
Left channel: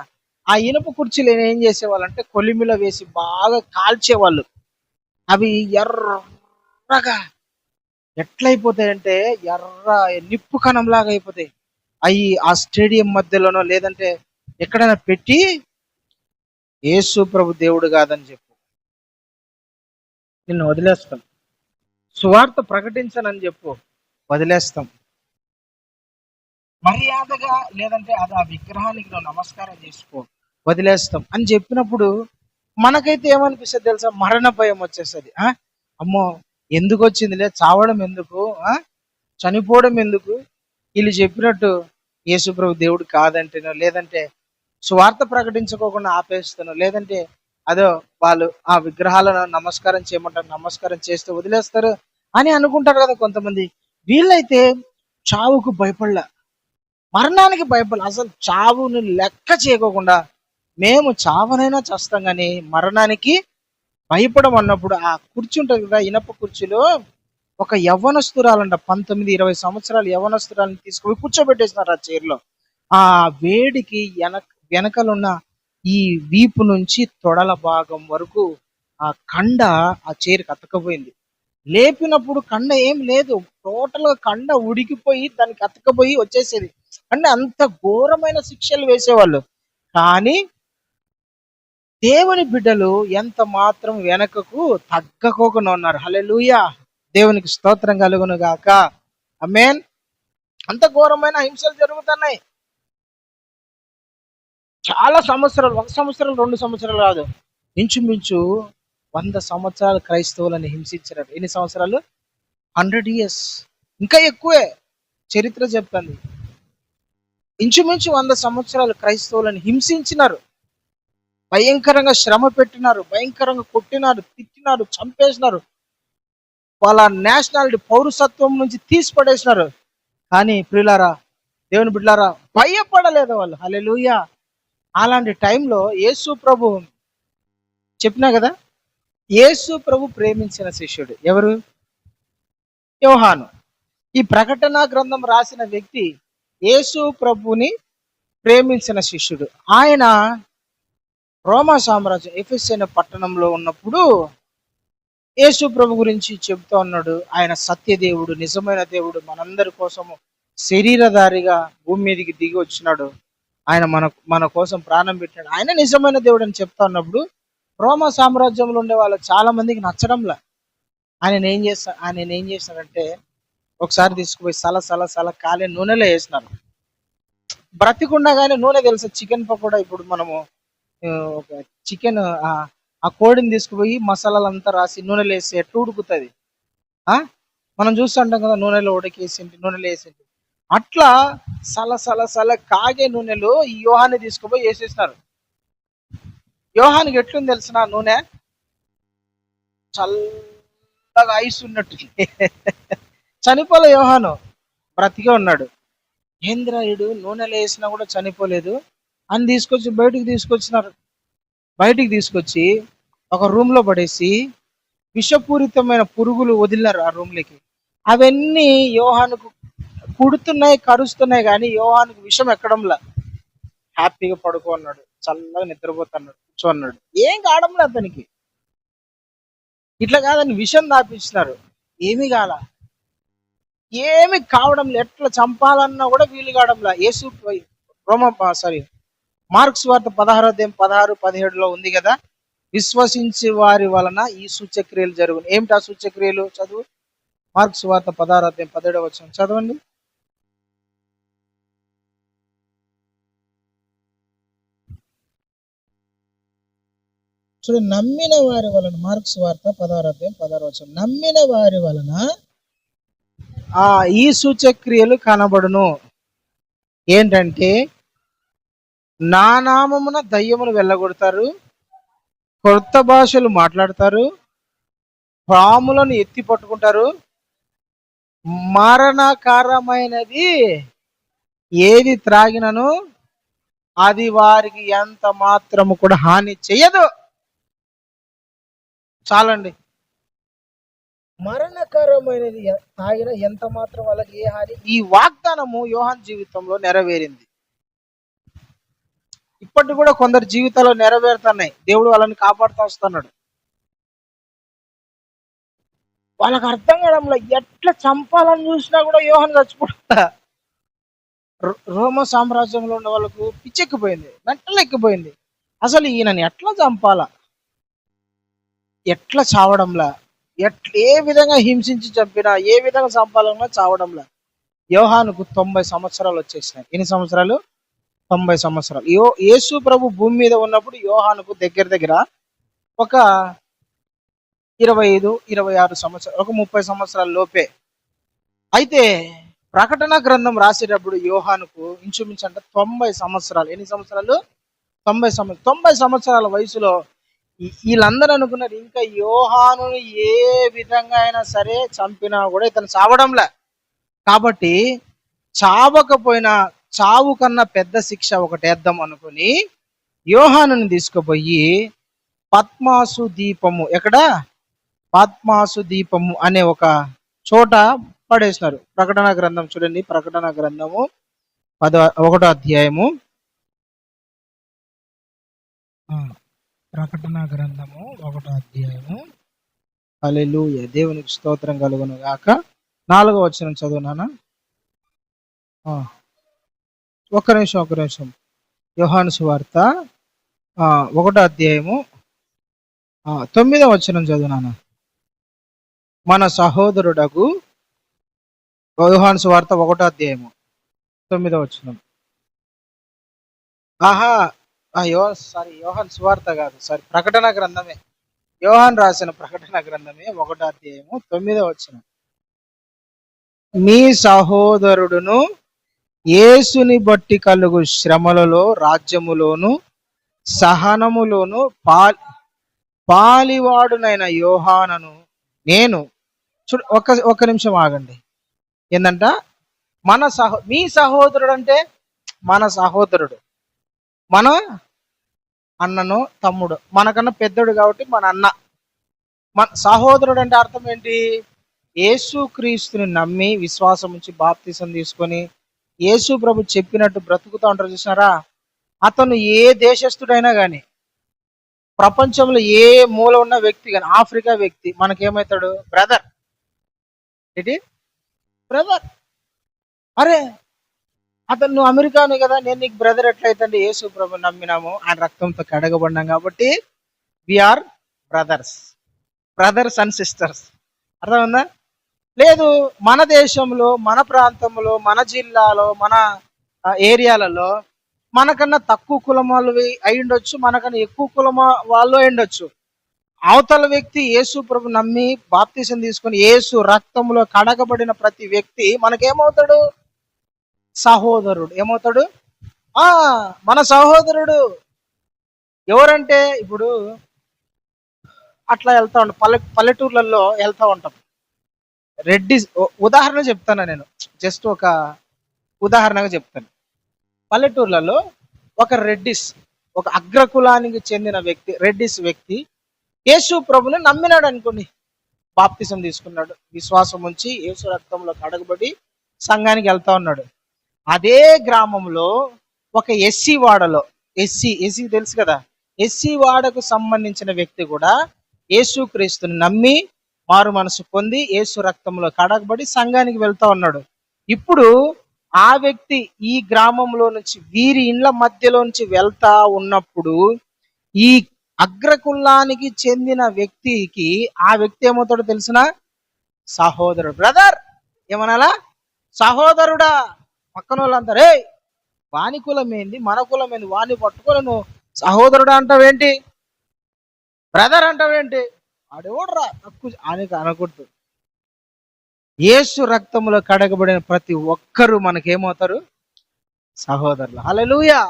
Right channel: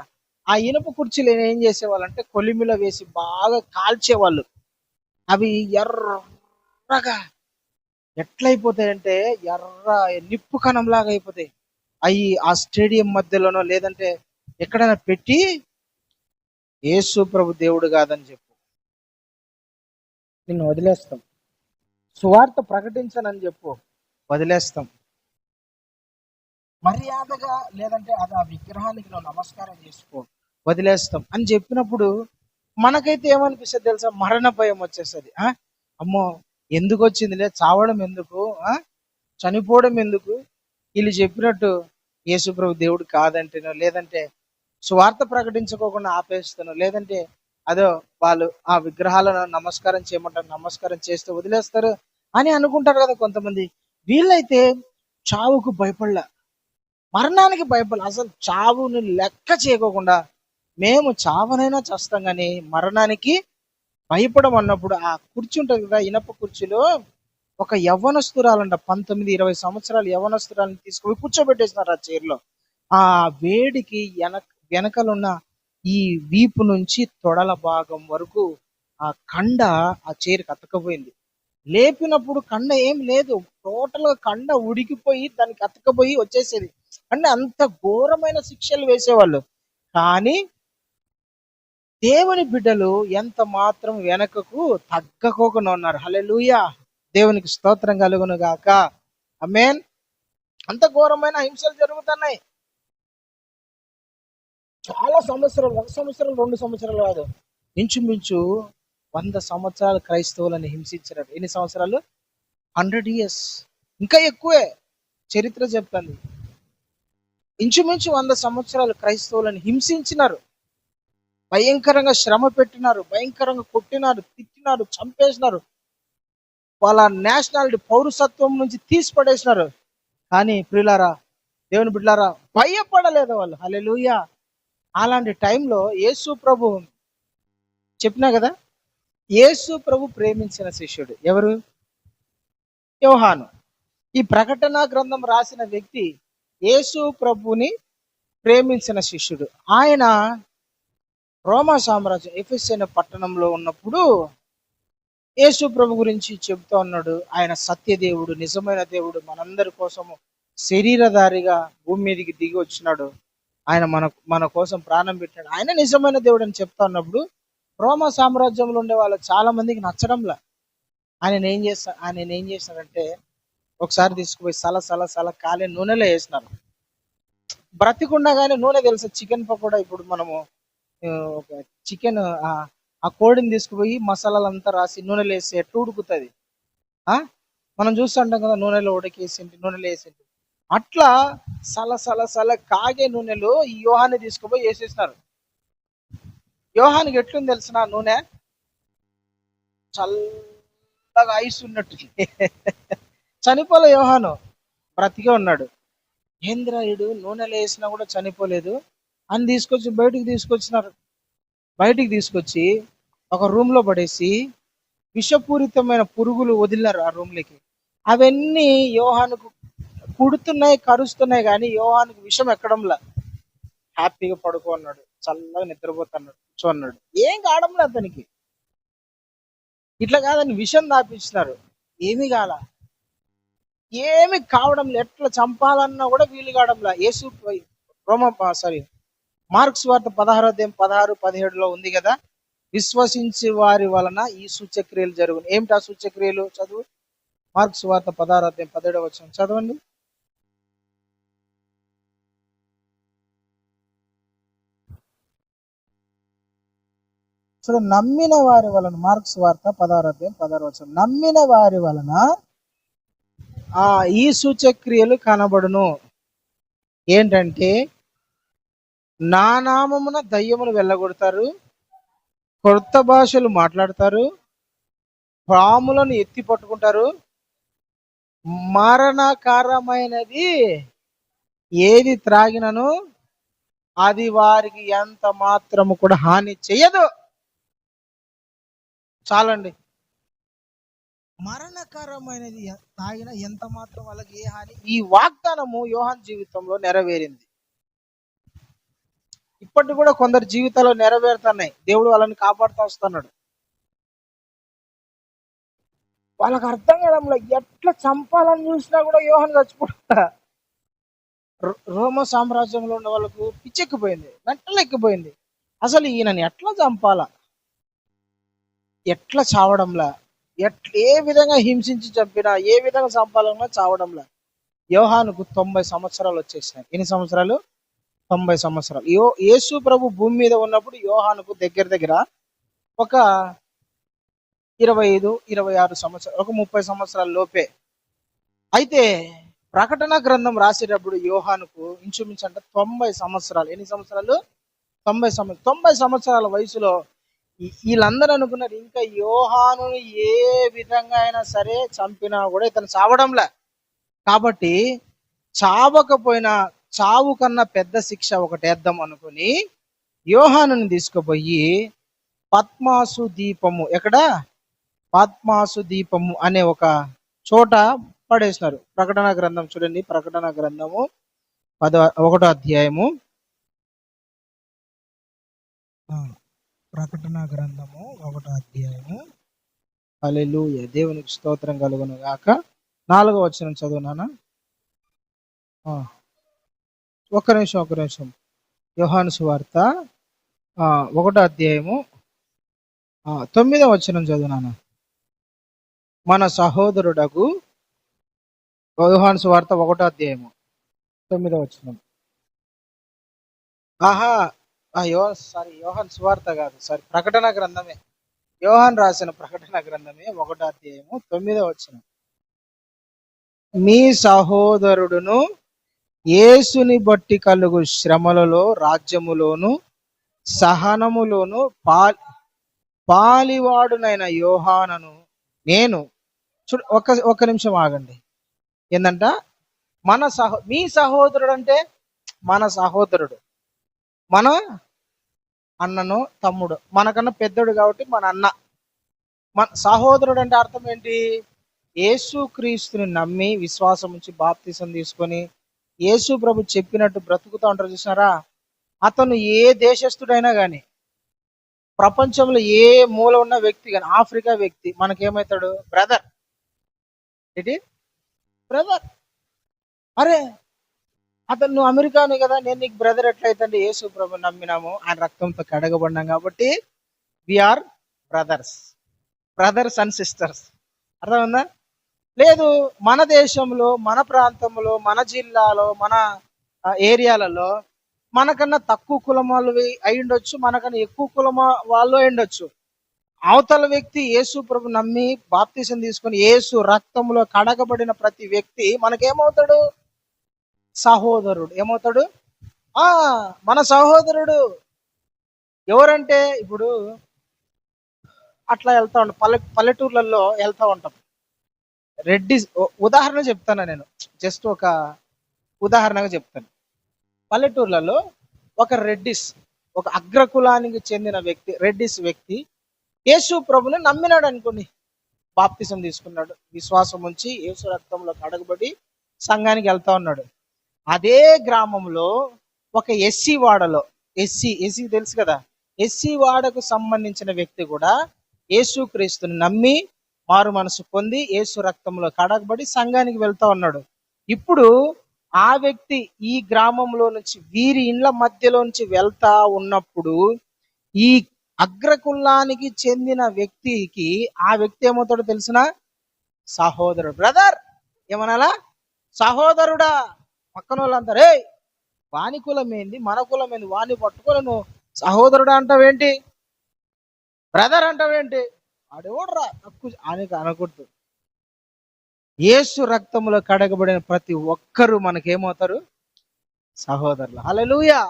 ఆ ఇనుప కుర్చీలు ఏం చేసేవాళ్ళంటే కొలిమిలో వేసి బాగా కాల్చేవాళ్ళు. అవి ఎర్రగా ఎట్లయిపోతాయంటే ఎర్ర నిప్పు కణంలాగా అయిపోతాయి. అవి ఆ స్టేడియం మధ్యలోనో లేదంటే ఎక్కడైనా పెట్టి యేసు ప్రభు దేవుడు కాదని చెప్పు, నిన్ను వదిలేస్తాం. సువార్త ప్రకటించనని చెప్పు, వదిలేస్తాం. మర్యాదగా లేదంటే అది ఆ విగ్రహానికి నువ్వు నమస్కారం చేసుకో, వదిలేస్తాం అని చెప్పినప్పుడు మనకైతే ఏమనిపిస్తుంది తెలుసా? మరణ భయం వచ్చేస్తుంది. అమ్మో, ఎందుకు వచ్చిందిలే, చావడం ఎందుకు, చనిపోవడం ఎందుకు, వీళ్ళు చెప్పినట్టు యేసుప్రభు దేవుడు కాదంటేనో, లేదంటే సువార్త ప్రకటించుకోకుండా ఆపేస్తాను, లేదంటే అదో వాళ్ళు ఆ విగ్రహాలను నమస్కారం చేయమంటారు, నమస్కారం చేస్తూ వదిలేస్తారు అని అనుకుంటారు కదా కొంతమంది. వీళ్ళైతే చావుకు భయపడలే, మరణానికి భయపడలే, అసలు చావుని లెక్క చేయకోకుండా మేము చావనైనా చేస్తాం కానీ మరణానికి భయపడం అన్నప్పుడు ఆ కుర్చీ ఉంటుంది కదా, ఇనప కుర్చీలో ఒక యవ్వనస్తురాలంట, 19-20 సంవత్సరాలు యవ్వనస్తురాలను తీసుకుపోయి కూర్చోబెట్టేసినారు ఆ చైర్లో. ఆ వేడికి వెనకలున్న ఈ వీపు నుంచి తొడల భాగం వరకు ఆ కండ ఆ చైర్కి అతకపోయింది. లేపినప్పుడు కండ ఏం లేదు, టోటల్ గా కండ ఉడికిపోయి దానికి అతకపోయి వచ్చేసేది. అంటే అంత ఘోరమైన శిక్షలు వేసేవాళ్ళు. కానీ దేవుని బిడ్డలు ఎంత మాత్రం వెనకకు తగ్గకోకుండా ఉన్నారు. హల్లెలూయా, దేవునికి స్తోత్రం కలుగును గాక. ఆమేన్. అంత ఘోరమైన హింసలు జరుగుతున్నాయి. చాలా సంవత్సరాలు, 1 సంవత్సరం 2 సంవత్సరాలు కాదు, ఇంచుమించు 100 సంవత్సరాలు క్రైస్తవులను హింసించారు. ఎన్ని సంవత్సరాలు? 100 years, ఇంకా ఎక్కువే. చరిత్ర చెప్తుంది ఇంచుమించు 100 సంవత్సరాలు క్రైస్తవులను హింసించినారు, భయంకరంగా శ్రమ పెట్టినారు, భయంకరంగా కొట్టినారు, తిట్టినారు, చంపేసినారు, వాళ్ళ నేషనాలిటీ పౌరసత్వం నుంచి తీసి పడేసినారు. కానీ ప్రియులారా, దేవుని బిడ్డలారా, భయపడలేదు వాళ్ళు. హల్లెలూయా. అలాంటి టైంలో యేసు ప్రభు చెప్పినా కదా, యేసు ప్రభు ప్రేమించిన శిష్యుడు ఎవరు? యోహాను. ఈ ప్రకటన గ్రంథం రాసిన వ్యక్తి యేసు ప్రభుని ప్రేమించిన శిష్యుడు. ఆయన రోమా సామ్రాజ్యం ఎఫెసు అనే పట్టణంలో ఉన్నప్పుడు యేసు ప్రభు గురించి చెబుతూ ఉన్నాడు. ఆయన సత్యదేవుడు, నిజమైన దేవుడు, మనందరి కోసము శరీరధారిగా భూమి మీదకి దిగి వచ్చినాడు. ఆయన మన కోసం ప్రాణం పెట్టాడు, ఆయన నిజమైన దేవుడు అని చెప్తా ఉన్నప్పుడు రోమా సామ్రాజ్యంలో ఉండే వాళ్ళు చాలా మందికి నచ్చడంలా. ఆయన ఏం చేస్తాడంటే ఒకసారి తీసుకుపోయి సల కాలే నూనెలో వేసినారు. బ్రతికుండగానే నూనె తెలుసా, చికెన్ పకోడా. ఇప్పుడు మనము ఒక చికెన్ ఆ కోడిని తీసుకుపోయి మసాలాలంతా రాసి నూనెలో వేసి ఎట్టు ఉడుకుతుంది, మనం చూస్తుంటాం కదా, నూనెలో ఉడికేసింటి, నూనెలో వేసింటి. అట్లా సల కాగే నూనెలో ఈ యోహాన్ని తీసుకుపోయి వేసేసినారు. యోహానికి ఎట్లుంది తెలిసిన నూనె? చల్లగా ఐస్ ఉన్నట్టు. చనిపోలే యోహాను, బ్రతికే ఉన్నాడు. ఏంద్రాయుడు నూనెలో వేసినా కూడా చనిపోలేదు అని తీసుకొచ్చి బయటికి తీసుకొచ్చి ఒక రూమ్ లో పడేసి విషపూరితమైన పురుగులు వదిలినారు ఆ రూమ్లోకి. అవన్నీ యోహానుకు కుడుతున్నాయి, కరుస్తున్నాయి, కానీ యోహానుకు విషం ఎక్కడంలా. హ్యాపీగా పడుకున్నాడు, చల్లగా నిద్రపోతున్నాడు, కూర్చోన్నాడు, ఏం కావడంలే అతనికి. ఇట్లా కాదని విషం దాపించినారు, ఏమీ కాల, ఏమి కావడం, ఎట్లా చంపాలన్నా కూడా వీలు కావడంలా. మార్క్స్ వార్త 16:16-17 ఉంది కదా, విశ్వసించే వారి వలన ఈ సూచక్రియలు జరుగును. ఏమిటి ఆ సూచక్రియలు? చదువు. మార్క్స్ వార్త 16:17 చదవండి. చూడ, నమ్మిన వారి వలన, మార్క్స్ వార్త 16:16 నమ్మిన వారి వలన ఈ సూచక్రియలు కనబడును. ఏంటంటే నా నామమున దయ్యములు వెళ్ళగొడతారు, కొత్త భాషలు మాట్లాడతారు, పాములను ఎత్తి పట్టుకుంటారు, మరణకరమైనది ఏది త్రాగినను అది వారికి ఎంత మాత్రము కూడా హాని చెయ్యదు. చాలండి. మరణకరమైనది తాగిన ఎంత మాత్రం వాళ్ళకి ఏ హాని. ఈ వాగ్దానము యోహాన్ జీవితంలో నెరవేరింది. ఇప్పటికి కూడా కొందరు జీవితాల్లో నెరవేరుతున్నాయి. దేవుడు వాళ్ళని కాపాడుతూ వస్తున్నాడు. వాళ్ళకి అర్థం కావడంలో ఎట్లా చంపాలని చూసినా కూడా యోహాన్ చచ్చిపోతా. రోమ సామ్రాజ్యంలో ఉన్న వాళ్ళకు పిచ్చెక్కిపోయింది, మెంటల్ ఎక్కిపోయింది. అసలు ఈయనని ఎట్లా చంపాలా, ఎట్లా చావడంలా, ఏ విధంగా హింసించి చంపినా, ఏ విధంగా చంపాలన్నా చావడంలా. యోహానుకు 90 సంవత్సరాలు వచ్చేసాయి. ఎన్ని సంవత్సరాలు? 90 సంవత్సరాలు. యేసు ప్రభు భూమి మీద ఉన్నప్పుడు యోహానుకు దగ్గర ఒక 25-26 సంవత్సరాలు, ఒక 30 సంవత్సరాల లోపే. అయితే ప్రకటన గ్రంథం రాసేటప్పుడు యోహానుకు ఇంచుమించు అంటే 90 సంవత్సరాలు. ఎన్ని సంవత్సరాలు? 90 సంవత్సరాల వయసులో వీళ్ళందరూ అనుకున్నారు ఇంకా యోహాను ఏ విధంగా అయినా సరే చంపినా కూడా ఇతను చావడంలే. కాబట్టి చావకపోయినా చావు కన్నా పెద్ద శిక్ష ఒకటి వేద్దాం అనుకుని యోహానుని తీసుకుపోయి పద్మాసు దీపము, ఎక్కడ? పద్మాసు దీపము అనే ఒక చోట పడేసినారు. ప్రకటన గ్రంథం చూడండి, ప్రకటన గ్రంథము 1వ అధ్యాయము, ప్రకటన గ్రంథము 1వ అధ్యాయము. హల్లెలూయా, దేవునికి స్తోత్రం కలుగును గాక. 4వ వచనం చదువునానా? ఒక్క నిమిషం. యోహాను సువార్త 1వ అధ్యాయము 9వ వచనం చదువునానా? మన సహోదరుడకు, యోహాను సువార్త 1వ అధ్యాయము 9వ వచనం. యోహాను సువార్త కాదు, ప్రకటన గ్రంథమే. యోహాను రాసిన ప్రకటన గ్రంథమే 1వ అధ్యాయము 9వ వచనం. మీ సహోదరుడును యేసుని బట్టి కలుగు శ్రమలలో, రాజ్యములోను, సహనములోను పాలివాడునైన యోహానను నేను. ఒక్క నిమిషం ఆగండి. ఏందంట? మీ సహోదరుడు అంటే మన సహోదరుడు, మన అన్నను, తమ్ముడు, మనకన్నా పెద్దోడు కాబట్టి మన అన్న. మన సహోదరుడు అంటే అర్థం ఏంటి? యేసు క్రీస్తుని నమ్మి విశ్వాసం నుంచి బాప్తిసం తీసుకొని యేసు ప్రభు చెప్పినట్టు బ్రతుకుతూ ఉంటారు చూసినారా? అతను ఏ దేశస్థుడైనా కానీ, ప్రపంచంలో ఏ మూల ఉన్న వ్యక్తి కానీ, ఆఫ్రికా వ్యక్తి మనకేమవుతాడు? బ్రదర్. ఏంటి? బ్రదర్. అరే అతను నువ్వు అమెరికాను కదా, నేను నీకు బ్రదర్ ఎట్లయితే? యేసు ప్రభు నమ్మినాము, ఆయన రక్తంతో కడగబడినాం కాబట్టి వీఆర్ బ్రదర్స్ అండ్ సిస్టర్స్. అర్థమైందా? లేదు, మన దేశంలో, మన ప్రాంతంలో, మన జిల్లాలో, మన ఏరియాలలో మనకన్నా తక్కువ కులం వాళ్ళు అయి ఉండొచ్చు, మనకన్నా ఎక్కువ కులం వాళ్ళు అయి ఉండొచ్చు. అవతల వ్యక్తి యేసు ప్రభు నమ్మి బాప్తిసం తీసుకొని యేసు రక్తంలో కడగబడిన ప్రతి వ్యక్తి మనకేమవుతాడు? సహోదరుడు. ఏమవుతాడు? మన సహోదరుడు. ఎవరంటే ఇప్పుడు అట్లా వెళ్తా ఉంటాం, పల్లెటూర్లలో వెళ్తా ఉంటాం. రెడ్డిస్, ఉదాహరణ చెప్తాను నేను, జస్ట్ ఒక ఉదాహరణగా చెప్తాను. పల్లెటూర్లలో ఒక రెడ్డిస్, ఒక అగ్రకులానికి చెందిన వ్యక్తి, రెడ్డిస్ వ్యక్తి యేసు ప్రభుని నమ్మినాడు అనుకోండి, బాప్తిసం తీసుకున్నాడు, విశ్వాసం ఉంచి యేసు రక్తంలో కడగబడి సంఘానికి వెళ్తా ఉన్నాడు. అదే గ్రామంలో ఒక ఎస్సీ వాడలో, ఎస్సీ తెలుసు కదా, ఎస్సీ వాడకు సంబంధించిన వ్యక్తి కూడా యేసు క్రీస్తుని నమ్మి మారు మనసు పొంది యేసు రక్తంలో కడగబడి సంఘానికి వెళ్తా ఉన్నాడు. ఇప్పుడు ఆ వ్యక్తి ఈ గ్రామంలో నుంచి, వీరి ఇండ్ల మధ్యలో నుంచి వెళ్తా ఉన్నప్పుడు ఈ అగ్రకులానికి చెందిన వ్యక్తికి ఆ వ్యక్తి ఏమవుతాడో తెలిసిన? సహోదరుడు. బ్రదర్ ఏమనాలా? సహోదరుడా. పక్కన వాళ్ళంతా రే వాని కులం ఏంది, మన కులం ఏంది, వాని పట్టుకొని నువ్వు సహోదరుడా అంటావేంటి, బ్రదర్ అంటావేంటి? ఆడెవడరా తక్కువ అని అనకూడదు. యేసు రక్తంలో కడగబడిన ప్రతి ఒక్కరూ మనకేమవుతారు? సహోదరులు. Hallelujah.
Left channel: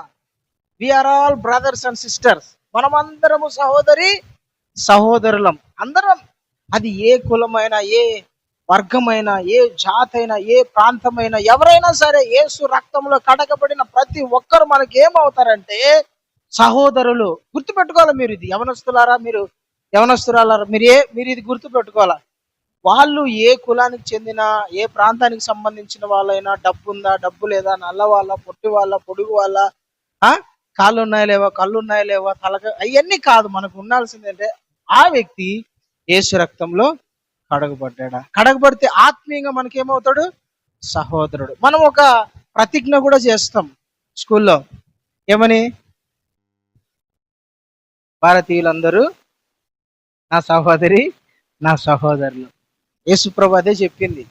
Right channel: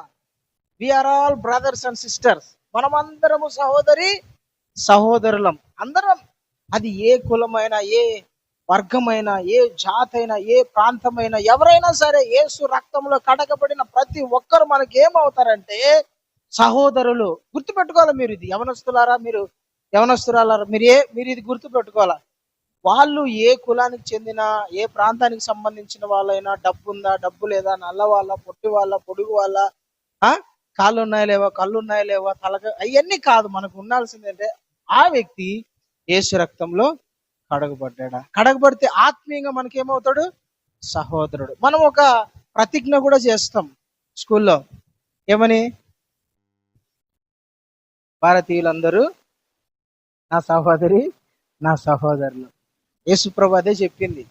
We are all brothers and sisters. మనమందరము సహోదరులం అందరం. అది ఏ కులమైనా, ఏ వర్గమైన, ఏ జాతైనా, ఏ ప్రాంతమైన, ఎవరైనా సరే యేసు రక్తంలో కడగబడిన ప్రతి ఒక్కరు మనకి ఏమవుతారంటే సహోదరులు. గుర్తుపెట్టుకోవాలి మీరు ఇది. యవనస్తులారా, మీరు యవనస్తురాలారా, మీరు ఇది గుర్తుపెట్టుకోవాలా. వాళ్ళు ఏ కులానికి చెందిన, ఏ ప్రాంతానికి సంబంధించిన వాళ్ళైనా, డబ్బు ఉందా, డబ్బు లేదా, నల్ల వాళ్ళ, పొట్టి వాళ్ళ, పొడుగు వాళ్ళ, ఆ కాళ్ళు ఉన్నాయా లేవా, కళ్ళు ఉన్నాయా లేవా, తలక, అవన్నీ కాదు. మనకు ఉండాల్సిందంటే ఆ వ్యక్తి యేసు రక్తంలో కడగబడ్డా. కడగబడితే ఆత్మీయంగా మనకేమవుతాడు? సహోదరుడు. మనం ఒక ప్రతిజ్ఞ కూడా చేస్తాం స్కూల్లో. ఏమని? భారతీయులందరూ నా సహోదరి, నా సహోదరులు. యేసుప్రభు అదే చెప్పింది.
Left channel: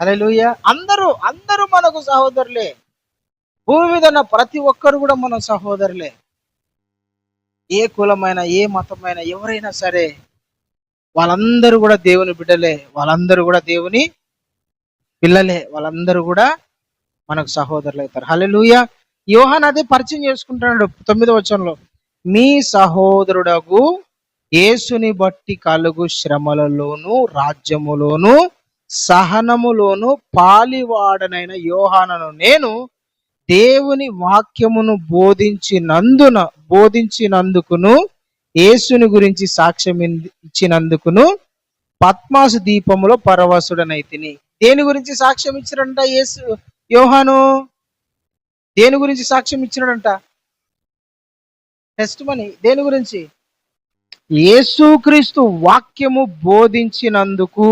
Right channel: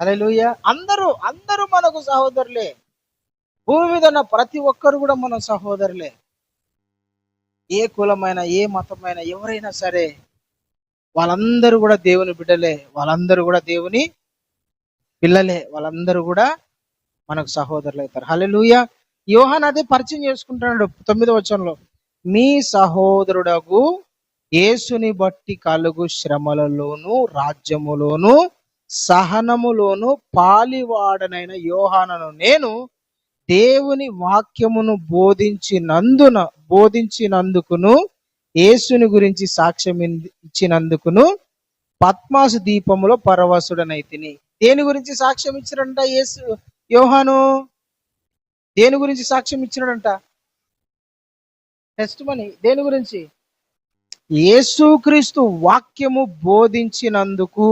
హల్లెలూయా. అందరూ అందరూ మనకు సహోదరులే. భూమి మీద ఉన్న ప్రతి ఒక్కరు కూడా మన సహోదరులే. ఏ కులమైన, ఏ మతమైన, ఎవరైనా సరే వాళ్ళందరూ కూడా దేవుని బిడ్డలే. వాళ్ళందరూ కూడా దేవుని పిల్లలే. వాళ్ళందరూ కూడా మనకు సహోదరులు అవుతారు. హల్లెలూయా. యోహాను అదే పరిచయం చేసుకుంటున్నాడు 9వ వచనంలో. మీ సహోదరుడగు యేసుని బట్టి కలుగు శ్రమలలోను, రాజ్యములోను, సహనములోను పాలివాడనైన యోహానను నేను దేవుని వాక్యమును బోధించినందుకును, యేసుని గురించి సాక్ష్యం ఇచ్చినందుకును పద్మాసు దీపములో పరవశుడనైతిని. దేని గురించి సాక్ష్యం ఇచ్చినంట యోహాను? దేని గురించి సాక్ష్యం ఇచ్చినాడంట? Test money. దేని గురించి? యేసుక్రీస్తు వాక్యము బోధించినందుకు,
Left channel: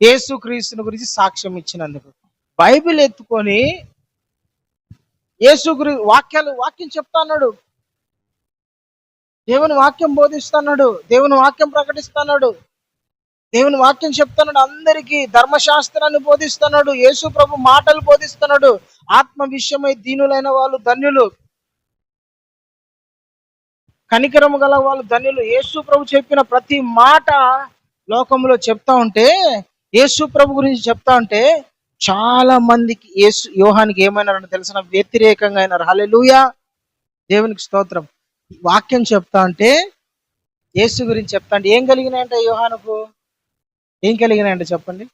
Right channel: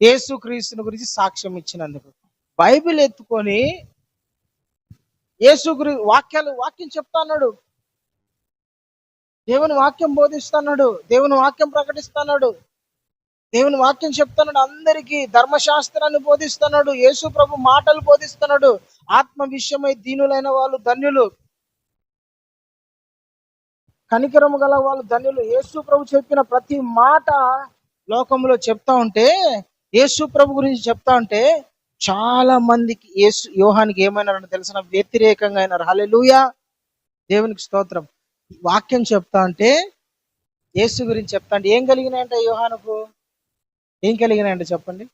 యేసుక్రీస్తుని గురించి సాక్ష్యం ఇచ్చినందుకు. బైబిల్ ఎత్తుకొని వాక్యం చెప్తాన్నాడు, దేవుని వాక్యం బోధిస్తున్నాడు, దేవుని వాక్యం ప్రకటిస్తున్నాడు, దేవుని వాక్యం చెప్తున్నాడు. అందరికీ ధర్మశాస్త్రాన్ని బోధిస్తున్నాడు. యేసు ప్రభు మాటలు బోధిస్తున్నాడు. ఆత్మ విషయమై దీనులైన వాళ్ళు ధన్యులు, కనికరము గల వాళ్ళు ధన్యులు. యేసు ప్రభు చెప్పిన ప్రతి మాట లోకంలో చెప్తా ఉంటే, యేసు ప్రభు గురించి చెప్తా ఉంటే చాలా మందికి యోహానికి ఏమైనారని తెలిసిన వ్యతిరేకంగా అయినారు. హల్లెలూయా. దేవునికి స్తోత్రం. వాక్యం చెప్తా ఉంటే, యేసు గురించి చెప్తా అంటే ఏం కలిగినాయంటే యోహానుకు? ఏం కలిగినాయంటే చెప్పండి.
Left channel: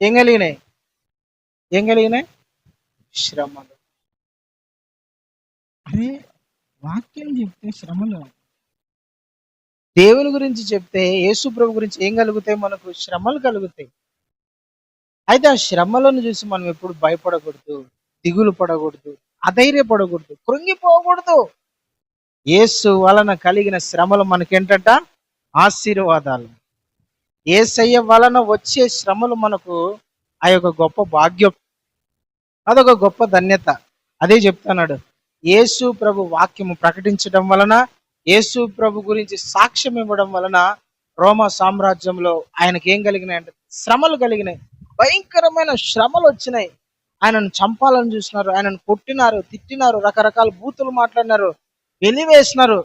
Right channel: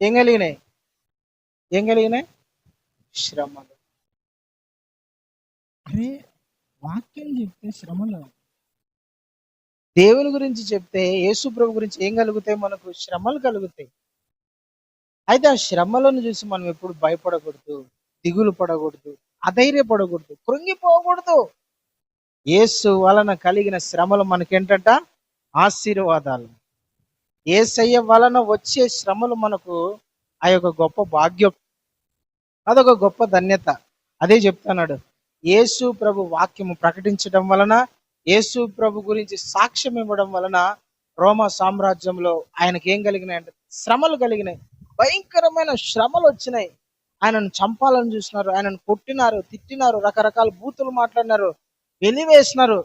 ఏం కలిగినాయి? శ్రమలు. అరే, వాక్యం చెప్తే శ్రమలు. దేవుని గురించి చెప్తే, యేసు ప్రభు గురించి ఏం కలుగుతాయి? మనకు శ్రమలు కలుగుతాయి. అయితే ఆ శ్రమలను చూసి మనం ఎప్పుడు భయపడకూడదు, దిగులు పడకూడదు, అధైర్యపడకూడదు, కృంగిపోకూడదు. యేసు వలన కలిగిన శ్రమలు మనకేంటంట? ఆశీర్వాదాలు. యేసయ్య వలన వచ్చే శ్రమలు మనకు ఆ యొక్క గొప్ప భాగ్యం, అదొక గొప్ప ధన్యత. అదే చెప్తున్నాడు. యేసు ప్రభు వాక్యము ప్రకటించడం వలన, యేసు ప్రభు గురించి సాక్ష్యం ఇవ్వడం వలన రోమా సామ్రాజ్యంలో ఆయనకి ఏం కలిగినాయి? శ్రమలు కలిగినాయి. భయంకరమైన శ్రమలు వచ్చినాయి. ఆయనను చంపాలని చూసినారు, ఆయనను కొట్టినారు, తిట్టినారు, రకరకాల బూతులు మాట్లాడినారు, వెలివేసినారు,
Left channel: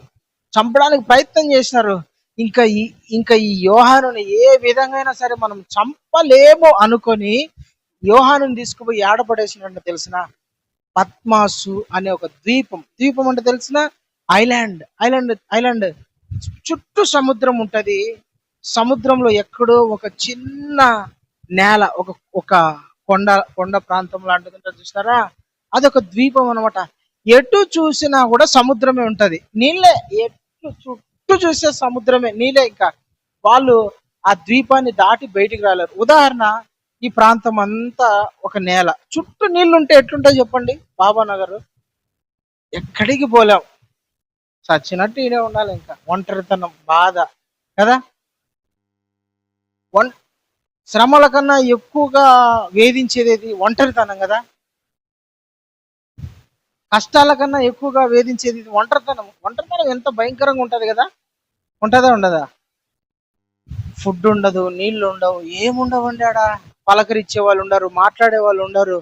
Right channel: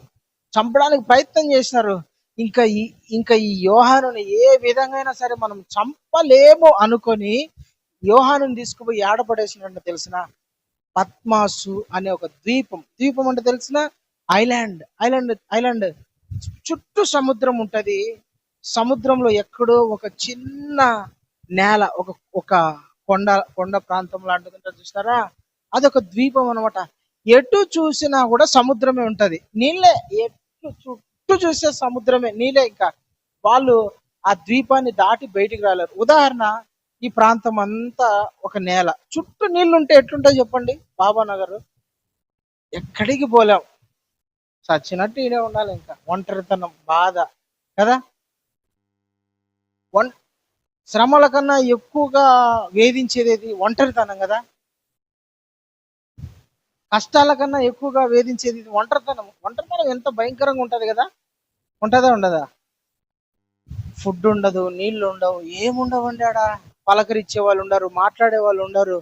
చంపడానికి ప్రయత్నం చేసినారు. ఇంకా ఈ యోహానుని ఏ విధంగా సరే మనం చంపలేము అనుకొని యోహాను తీసుకుపోయి ఏడపడేసినట్టు తెలిసిన పద్మాసు అనే ఒక ద్వీపం అంటే తెలిసిన ఐలాండ్ చుట్టూ సముద్రం ఉంటది. సముద్రంలో ఎక్కడో ఒక చిన్న నేల, ఒక కొండ ప్రాంతం లాంటిది ఉంటుంది చూస్తారా, అదొక ద్వీపం అనమాట. ఎటు చూసినా కూడా సముద్రమే ఉంటది, నీళ్ళే. చుట్టూ చూసే సముద్రమే, నీళ్ళే. ఇంకా వాళ్ళు ఆ ద్వీపాన్ని దాటి బయటికి రాలేరు. ఉదాహరణ, ఈ ప్రాంతం అంతా ఒక నేల, చుట్టూ నీళ్లు ఉంటే ఎట్లుంటాయి చెప్పండి? బాబానగర్ ఎక్కడికి పోలేం, చచ్చినట్టు ఈయనే ఉండాలి. ఇంకా ఒంటరితనం, బాధ కదా. శ్రమల కన్నా ఎక్కువగా వేధించేది ఒంటరితనం కదా. కష్టాల కన్నా ఎక్కువగా వేధించేది ఒంటరితనం. ఎంత భయంకరంగా ఉంటది కదా. ఉంటదా ఉండదా? ఫుడ్ ఉండదు, నీళ్లు ఉండవు, ఏముండవండి ఆడ. పలకరించే వాళ్ళు ఉండరు, మాట్లాడే వాళ్ళు ఉండరు,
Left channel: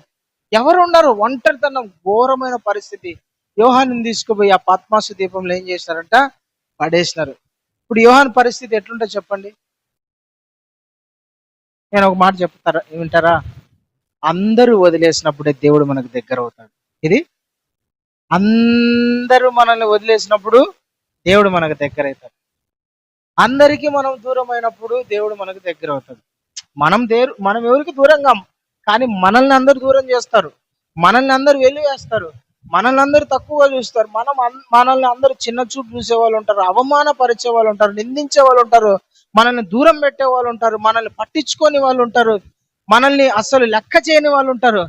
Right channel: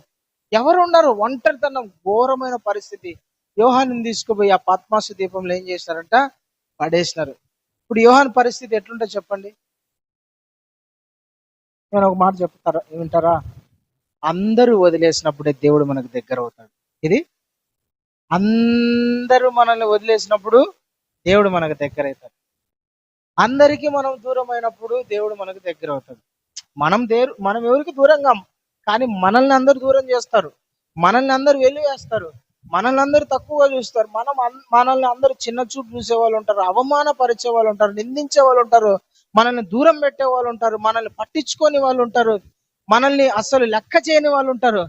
ఎవరు ఉండరు. ఒంటరితనం, ఘోరమైన పరిస్థితి. యోహాను తీసుకుపోయి ఆ పద్మాసు దీపంలో ఏం చేసినారంట? పడేసినారు. ఇప్పుడు యోహాను పరిస్థితి ఎట్లుంటో చెప్పండి. నేను ఒక మాట వింటారా? అందరూ వదిలేసినప్పుడే దేవుడు మనకు దగ్గర అవుతాడు. ఇది అందరూ మనల్ని వదిలేసినప్పుడు దేవుడు మనకు దగ్గర అవుతాడు. అందరికీ మనం దూరం అయినప్పుడు దేవుడు మనకు దగ్గర అవుతాడు. మనం ఎవరికి దూరంగా, కానీ మనల్ని అందరు దూరం చేస్తారు, మనల్ని అందరు వెలివేస్తారు, మనల్ని అందరు తక్కువగా చూస్తారు, మనల్ని అందరూ చిన్న చూపు చూసే వాళ్ళు ఉంటారు, అవమానపరిచే వాళ్ళు ఉంటారు, నిందించే వాళ్ళు ఉంటారు, మనల్ని దూరం పెట్టే వాళ్ళు ఉంటారు, మనల్ని పట్టించుకొని వాళ్ళు ఉంటారు, మనల్ని అసలు లెక్క చేయని వాళ్ళు ఉంటారు.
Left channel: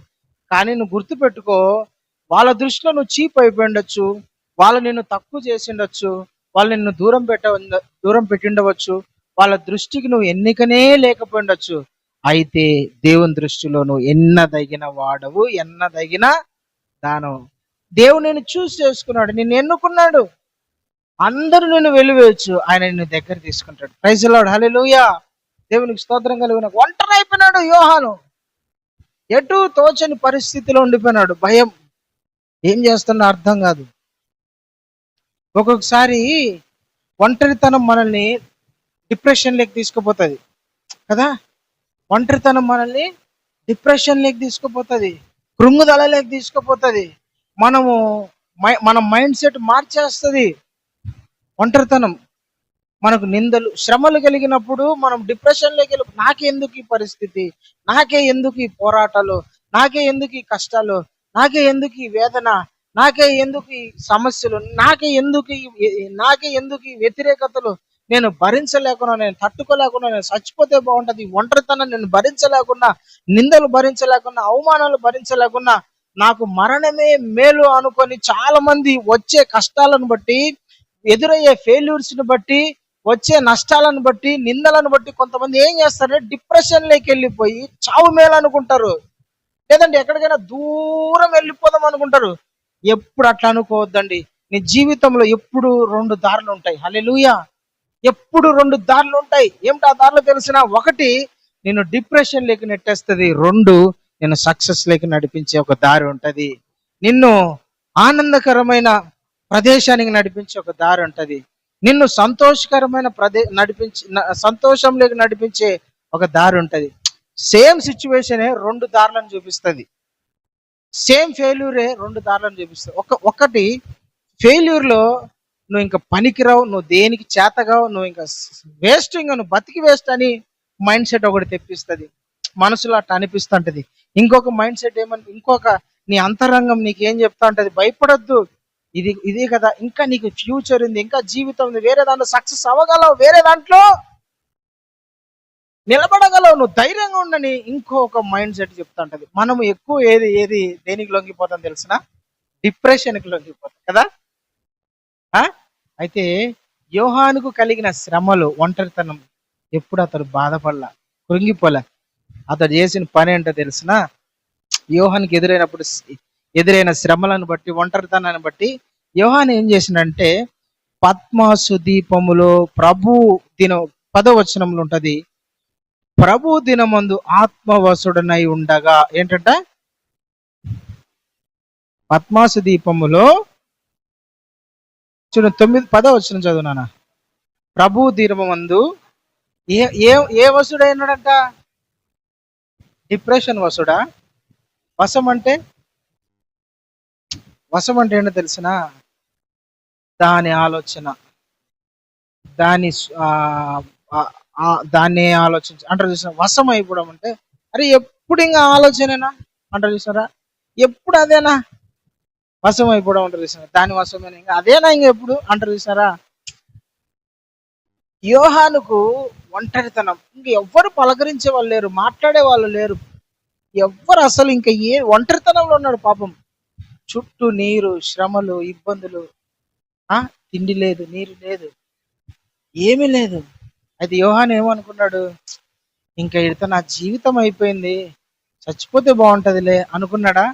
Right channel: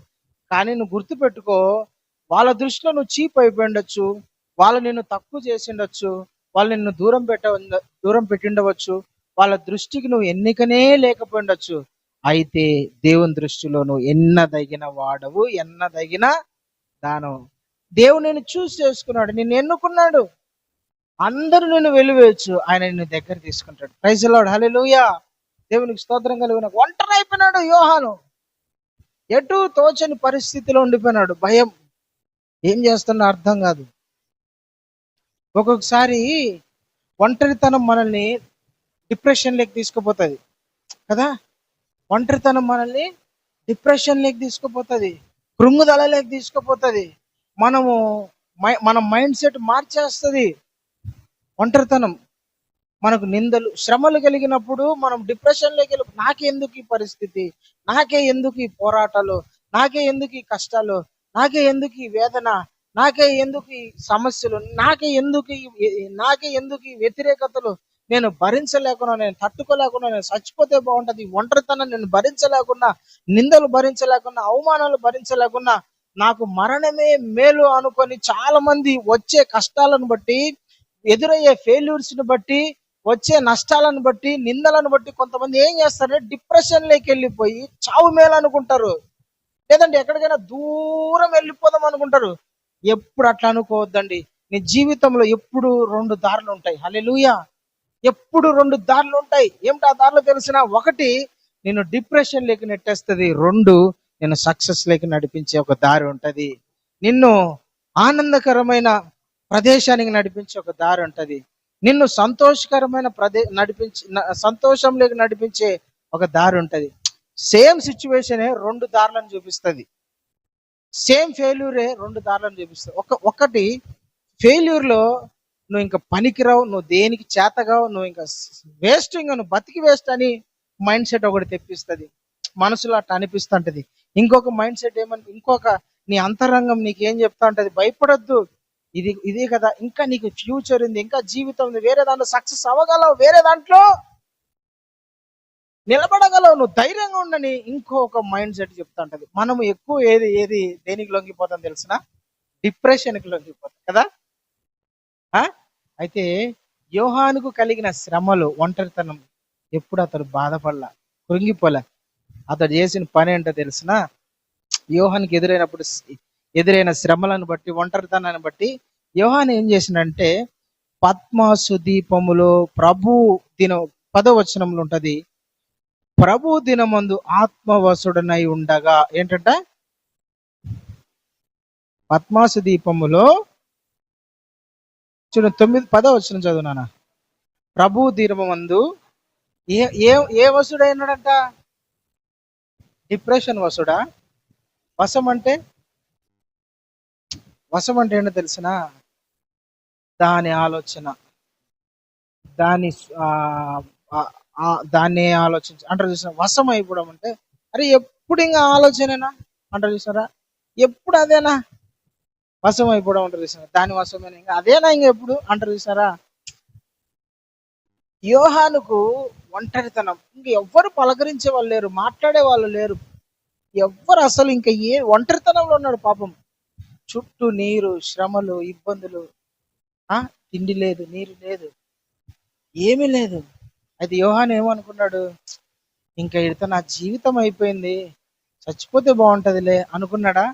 కానీ నువ్వు గుర్తుపెట్టుకో, వాళ్ళ దృష్టిలో నువ్వు చీప్ అయిపోయి ఉండొచ్చు, వాళ్ళు నిన్ను తక్కువ చేసి ఉండొచ్చు, వాళ్ళు నిన్ను దూరం పెట్టిండవచ్చు, వాళ్ళ దృష్టికి నువ్వు ఎన్నికనే లేకపోయి ఉండొచ్చు. అయితే దేవుని దృష్టిలో నువ్వు ఎన్నదగిన వాడవు, ఎన్నదగిన దానవు. దేవుడు నిన్ను చూస్ చేసుకున్నాడు, నిన్ను ఎన్నుకున్నాడు. అందరూ నిన్ను వెలివేయచ్చు, ఆయన నిన్ను దగ్గర తీసుకుంటాడు. ప్రైజ్ ది లార్డ్, హల్లెలూయా. దేవునికి స్తోత్రం కలుగును. ఒంటరి అయిపోయినాడు యోహాను, ఎటు తోచని పరిస్థితిలో ఉండిపోయినాడు. భయం, ఏం చేస్తున్నా అర్థం కాదు. ఒక్కొక్కసారి ఒంటరితనం మనల్ని డిప్రెషన్లోకి తీసుకుపోతుంది కదా. ఒంటరితనం మనల్ని డిప్రెషన్లోకి తీసుకుపోతుంది, కృంగుదలలోకి తీసుకుపోతుంది, మన మైండ్ సెట్ మార్చేస్తుంది. ఒంటరితనం మనకు నిందలు, శ్రమలు కలిగినప్పుడు మనం డిప్రెషన్లోకి వెళ్ళి, నాకే ఎందుకు ఈ పరిస్థితి, నాకే ఎందుకు ఈ పోరాటాలు, నాకే ఎందుకు ఈ కష్టాలు, నాకే ఎందుకు ఈ వేదన, నాకే ఎందుకు ఈ సమస్యలు, నాకే ఎందుకు ఈ వ్యతిరేకతలు, నేను భరించలేకున్నా, నేను తట్టుకోలేకున్నా, నేను చచ్చిపోతే బాగుంటది, ఒంటరితనం నేను భరించలేకున్నా, నిందలు భరించలేకున్నా, అవమానాలు భరించలేకున్నా, నాకు మరణమే మేలు అనుకొని చాలా మంది వచ్చే కష్టాలను బట్టి, ఎదురయ్యే ఫెయిల్యూర్స్ ని బట్టి, వచ్చే నష్టాలను బట్టి, నిందలను బట్టి కొంతమంది ఏం చేస్తారంటే డిప్రెషన్లోకి వెళ్ళిపోయి చావు మేలు అనుకుంటారు, లేదంటే ఎక్కడికైనా దూరం వెళ్ళిపోదాం అనుకుంటారు. ఎప్పుడు అట్లా అనుకోవద్దండి. నీ జీవితంలో ఎప్పుడు రెండు దారులు ఉంటాయి. హల్లెలూయా. ఎప్పుడు రెండు దారులు ఉంటాయి. ఏమిటి ఆ దారులు తెలిసిన? ఒకటి నిన్ను డిప్రెషన్ లేక నెట్టేస్తుంది, రెండు నిన్ను సక్సెస్ లేక నడిపించే ఒక దారి ఉంటది, నిన్ను ఆనందకరమైన ప్రదేశానికి నడిపించే ఒక దారి ఉంటది, నిన్ను సంతోషకరమైన సంతోషంలోకి నడిపించే ఒక దారి ఉంటది. సేమ్ సిచ్యువేషనే రెండు దారులను చూపిస్తుంది, సేమ్ ఫెయిల్యూరే రెండు దారులను చూపిస్తుంది. ఒకటి ఫెయిల్యూర్ లో నువ్వు ఇంకా పనికిరావు, నువ్వు దేనికి చేతగావు, నువ్వు ఇంకా వేస్ట్, ఇంకా నువ్వు బతికి వేస్ట్ అని మైండ్ సెట్ ఒకటి తెప్పిస్తుంది, మనసులో అట్లా అనిపిస్తుంటది. ఇంకొక మైండ్ సెట్ ఇంకొక నీ అంతరంగం నీకేం చెప్తా ఉంటది, భయపడొద్దు, ఇది కదా, ఇంకా నీకు ఫ్యూచర్ ఉంది, ఇంకా జీవితం ఉంది, వేరే దాంట్లో సక్సెస్ అవ్వగలవు, వేరే దాంట్లో నిలబడగలవు, నువ్వు ధైర్యంగా ఉండని ఇంకొక మైండ్ సెట్ చెప్తా ఉంటది. మనం ఎక్కువ ఏది దేనికి లొంగిపోతాం తెలిసిన? డిప్రెషన్కి లొంగిపోతాం కదా. అయితే యోహానుకు కలిగిన శ్రమలు, ఒంటరితనం, ఎప్పుడు అతడు బాధపడలా, కృంగిపోలే. అతడు చేసిన పని ఏంటో తెలిసిన? యోహానికి ఎదురైన శ్రమలను బట్టి, ఒంటరితనాన్ని బట్టి యోహాను ఏం చేసిందంటే, పద్మాసు దీపములో ప్రభు దినం 10వ వచనంలో ఉంటది, ప్రభు దినమందు ఆత్మవసుడనై ఉండగా, ఏంటంట? పద్మాసు దీపములో చూడు, 10వ వచనం చదువునానా. ప్రభు దినమందు ఏ వసుడైనాడంట? డిప్రెషన్ వసుడా? వశం అంటే ఏంటో తెలిసిన? దాని ఆలోచన, దాన్ని ఆలోచించ అంటారు చూసిన. వశం అయిపోవడం అంటే, అరే ఎప్పుడు ఇంకా ఆలోచనేనా అంటారు చూసారా, ఎప్పుడు అదేనా వశం అయిపోవడం అంటారు చూసారా, దాని వశమేనా, ఇంకా అదేనా ఇంక ఎప్పుడు అంటారు చూసారా. యోహానుకు ఒంటరితనం, ఇంక ఎవ్వరు పలకరించే వాళ్ళు లేరు, మాట్లాడే వాళ్ళు లేరు, ఎవ్వరు అసలు ఇంకా ఒంటరితనంలో ఉన్నాడు పాపం. చుట్టూ నీరు, శ్రమలు, ఇబ్బందులు, తిండి లేదు, నీరు లేదు, ఏమీ లేదు. అయితే యోహాను ఏమనుకున్నాడు, ఇంకా ఇడితో నా జీవితం అయిపోయింది, చచ్చిపోతే బాగుంటదిలే అనుకున్నాడా?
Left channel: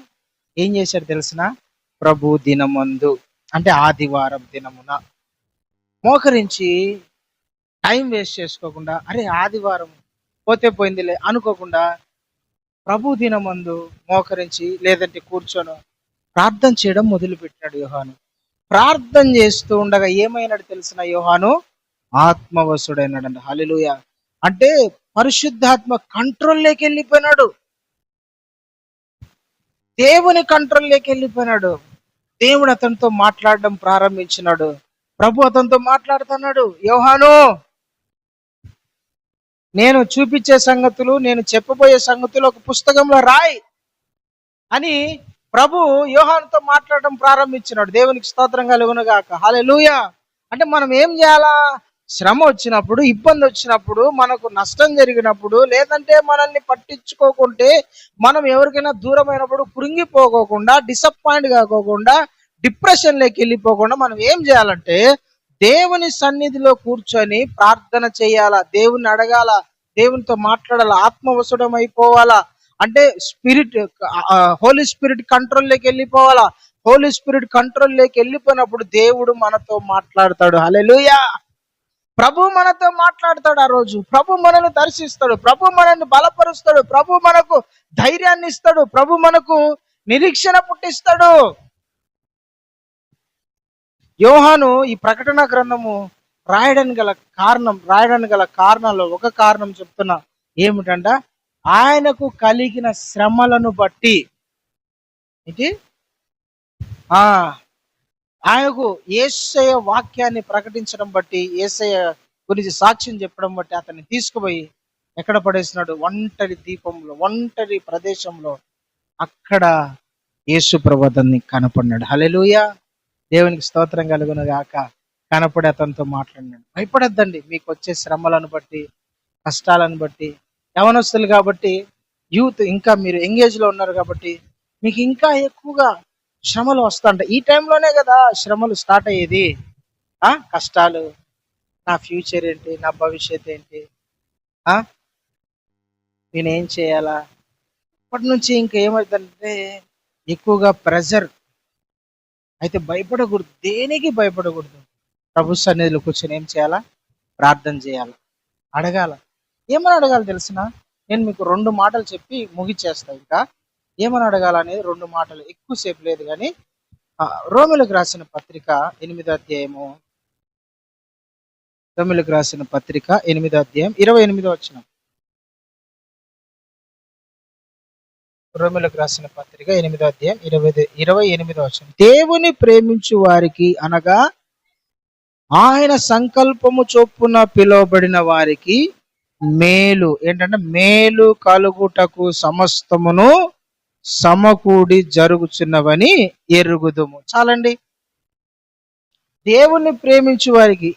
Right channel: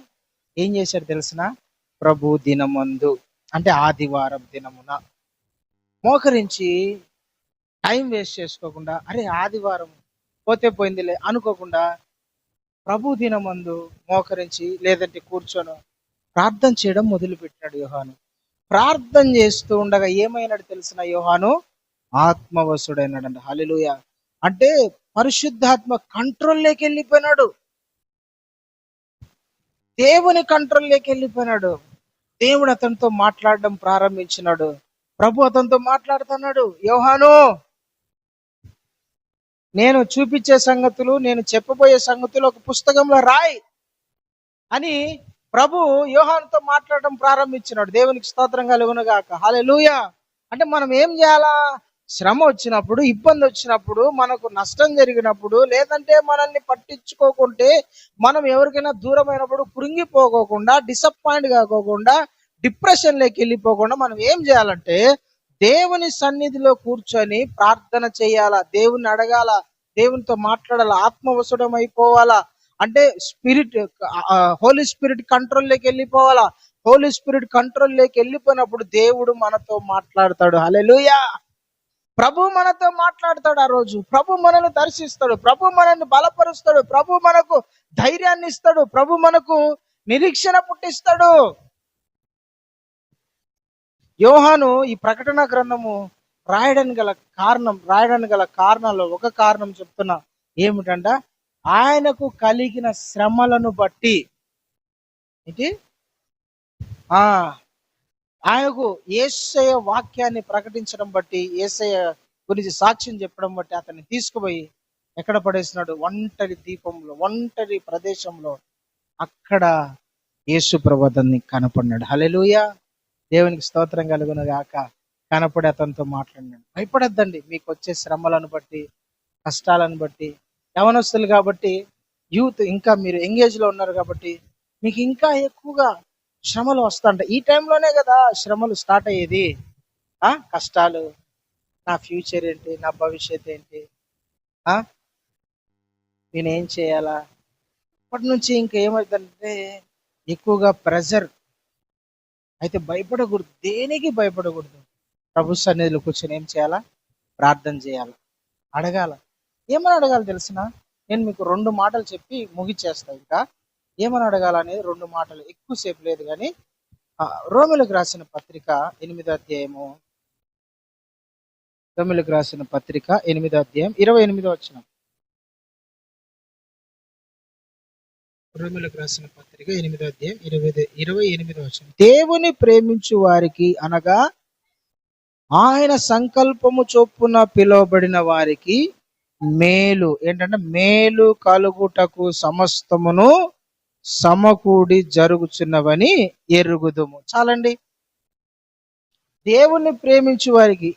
ఏం చేశాడు తెలిసిన? ప్రభు దినమందు, అంటే ఆదివారం దినమున మోకరించి, టైం వేస్ట్ చేసుకోకుండా, అరే ఆదివారం పోతే పోయిందిలే అనుకోకుండా, ప్రభు దినమందు మోకరించి, లేదంటే కూర్చొని ప్రార్థన చేయడం మొదలుపెట్టాడు యోహాను. ప్రార్థన చేస్తూ ఉండగా ఏమైనాడు తెలిసిన? యోహాను ఆత్మవశుడైనాడంట. హల్లెలూయా. అంటే పరిశుద్ధాత్మ కంట్రోల్లోకి వెళ్ళిపోయినాడు, దేవుని కంట్రోల్లోకి వెళ్ళిపోయినాడు. దేవుడు అతనితో మాట్లాడడం ప్రారంభించినాడు. ప్రభు అతనితో మాట్లాడుతున్నాడు, యోహాను నేను చూపించే సంగతులు, నేను చెప్పబోయే సంగతులు ఒక పుస్తకంలో రాయి అని ప్రభు యోహానుతో మాట్లాడడం ప్రారంభించినాడు. దేవునికి స్తోత్రం కలుగునుగాక. హల్లెలూయా. అంటే మనం ఏం చేయాలా? శ్రమ వచ్చినప్పుడు, ఇబ్బంది వచ్చినప్పుడు, మనకు నష్టం జరిగినప్పుడు, లేదంటే మనల్ని పట్టించుకోకుంటే, మనం ఎవరికైనా దూరమైనప్పుడు కృంగిపోకోకుండా, డిసప్పాయింట్ కాకోకుండా, డిప్రెషన్లోకి వెళ్ళిపోకుండా మనం ఏం చేయాలంటే దేవుని సన్నిధిలో కూర్చొని ప్రార్థన చేయాలా, దేవుని అడగాల, దేవునితో మాట్లాడాలా, ఆత్మవశుడం అయిపోవాలా. అంటే స్పిరిట్, హోలీ స్పిరిట్ కంట్రోల్లోకి వెళ్ళిపోవాలా. హోలీ స్పిరిట్ కంట్రోల్లోకి వెళ్ళిపోయినప్పుడు దేవుడు మనతో మాట్లాడతాడు. హల్లెలూయా. ప్రభు మనతో మాట్లాడతాడు. ఆ రోజు ప్రభు మనల్ని దర్శిస్తాడు, ప్రభు మనల్ని బలపరుస్తాడు, ప్రభు మనకు ధైర్యాన్ని ఇస్తాడు, ప్రభు మనకు నిరీక్షణ పుట్టిస్తాడు. యోహాను ఈ ప్రకటన గ్రంథము రాయడానికి గల కారణాల్లో ఒక కారణం చెప్తున్నా. ఏమిటంట? ఆయనకు కలిగిన శ్రమలను బట్టి, ఆయనకు యేసయ్య వాక్యాన్ని ప్రకటించడం బట్టి, యేసయ్య గురించి సాక్ష్యం చెప్పడం బట్టి అతన్ని తీసుకుపోయి ఎక్కడ పడేసినాడు? ఒంటరి దీపంలో, ఒంటరి ప్రదేశంలో. అక్కడ యేసు ప్రభు అతన్ని కనపడినాడు. హల్లెలూయా. దేవునికి స్తోత్రం కలుగును గాక. కనపడి అతనితో మాట్లాడినాడు. భయపడద్దండి మీకు వచ్చే శ్రమలను బట్టి, కష్టాలను బట్టి. యవనస్తులు కాబట్టి, యూత్, ఇంకా మీరు ఎంగేజ్ లో ఉన్నారు కాబట్టి మీకు ఇంకా ఎక్కువగా శ్రమలు వస్తుంటాయి. ఈ టైంలోనే కదా శ్రమలు స్టార్ట్ అయ్యేది. కష్టాలు, నా ఫ్యూచర్ ఏంటి, నా భవిష్యత్ ఏంటి, నేనేం చేయాలా. అప్పటి నుంచి ఇంకా ఏమవుతుందంటే ఎక్కువగా ప్రెజర్. అయితే భయపడకూడదు, దేనికి భయపడకూడదు. ప్రభు సన్నిధిలో కూర్చొని ఏం చేయాలా? ప్రార్థన చేయాలి, అడగాల. ఏమని అడగాలి తెలిసిన? నేను మీకు 2 మాటలు చెప్పి ముగిచేస్తా. ఇంకా ఏమని అడగాలనేది 2 మాటలు, ఎక్కువసేపు లేదు కానీ. రోమిలకు రాసిన పత్రిక 8వ అధ్యాయము, రోమిలకు రాసిన పత్రిక 8వ అధ్యాయం 28వ వచనం. రోమిలకు రాసిన పత్రిక 8వ అధ్యాయం 28వ వచనం. దేవుని ప్రేమించు వారికి అనగా ఆయన సంకల్పము చొప్పున పిలువబడిన వారికి మేలు, ఏంటంటే మేలు కలుగుటకు సమస్తమును సమకూడి జరుగుచున్నవని ఎరుగుదుము. చాలండి. దేవుణ్ణి ప్రేమించు వారికి,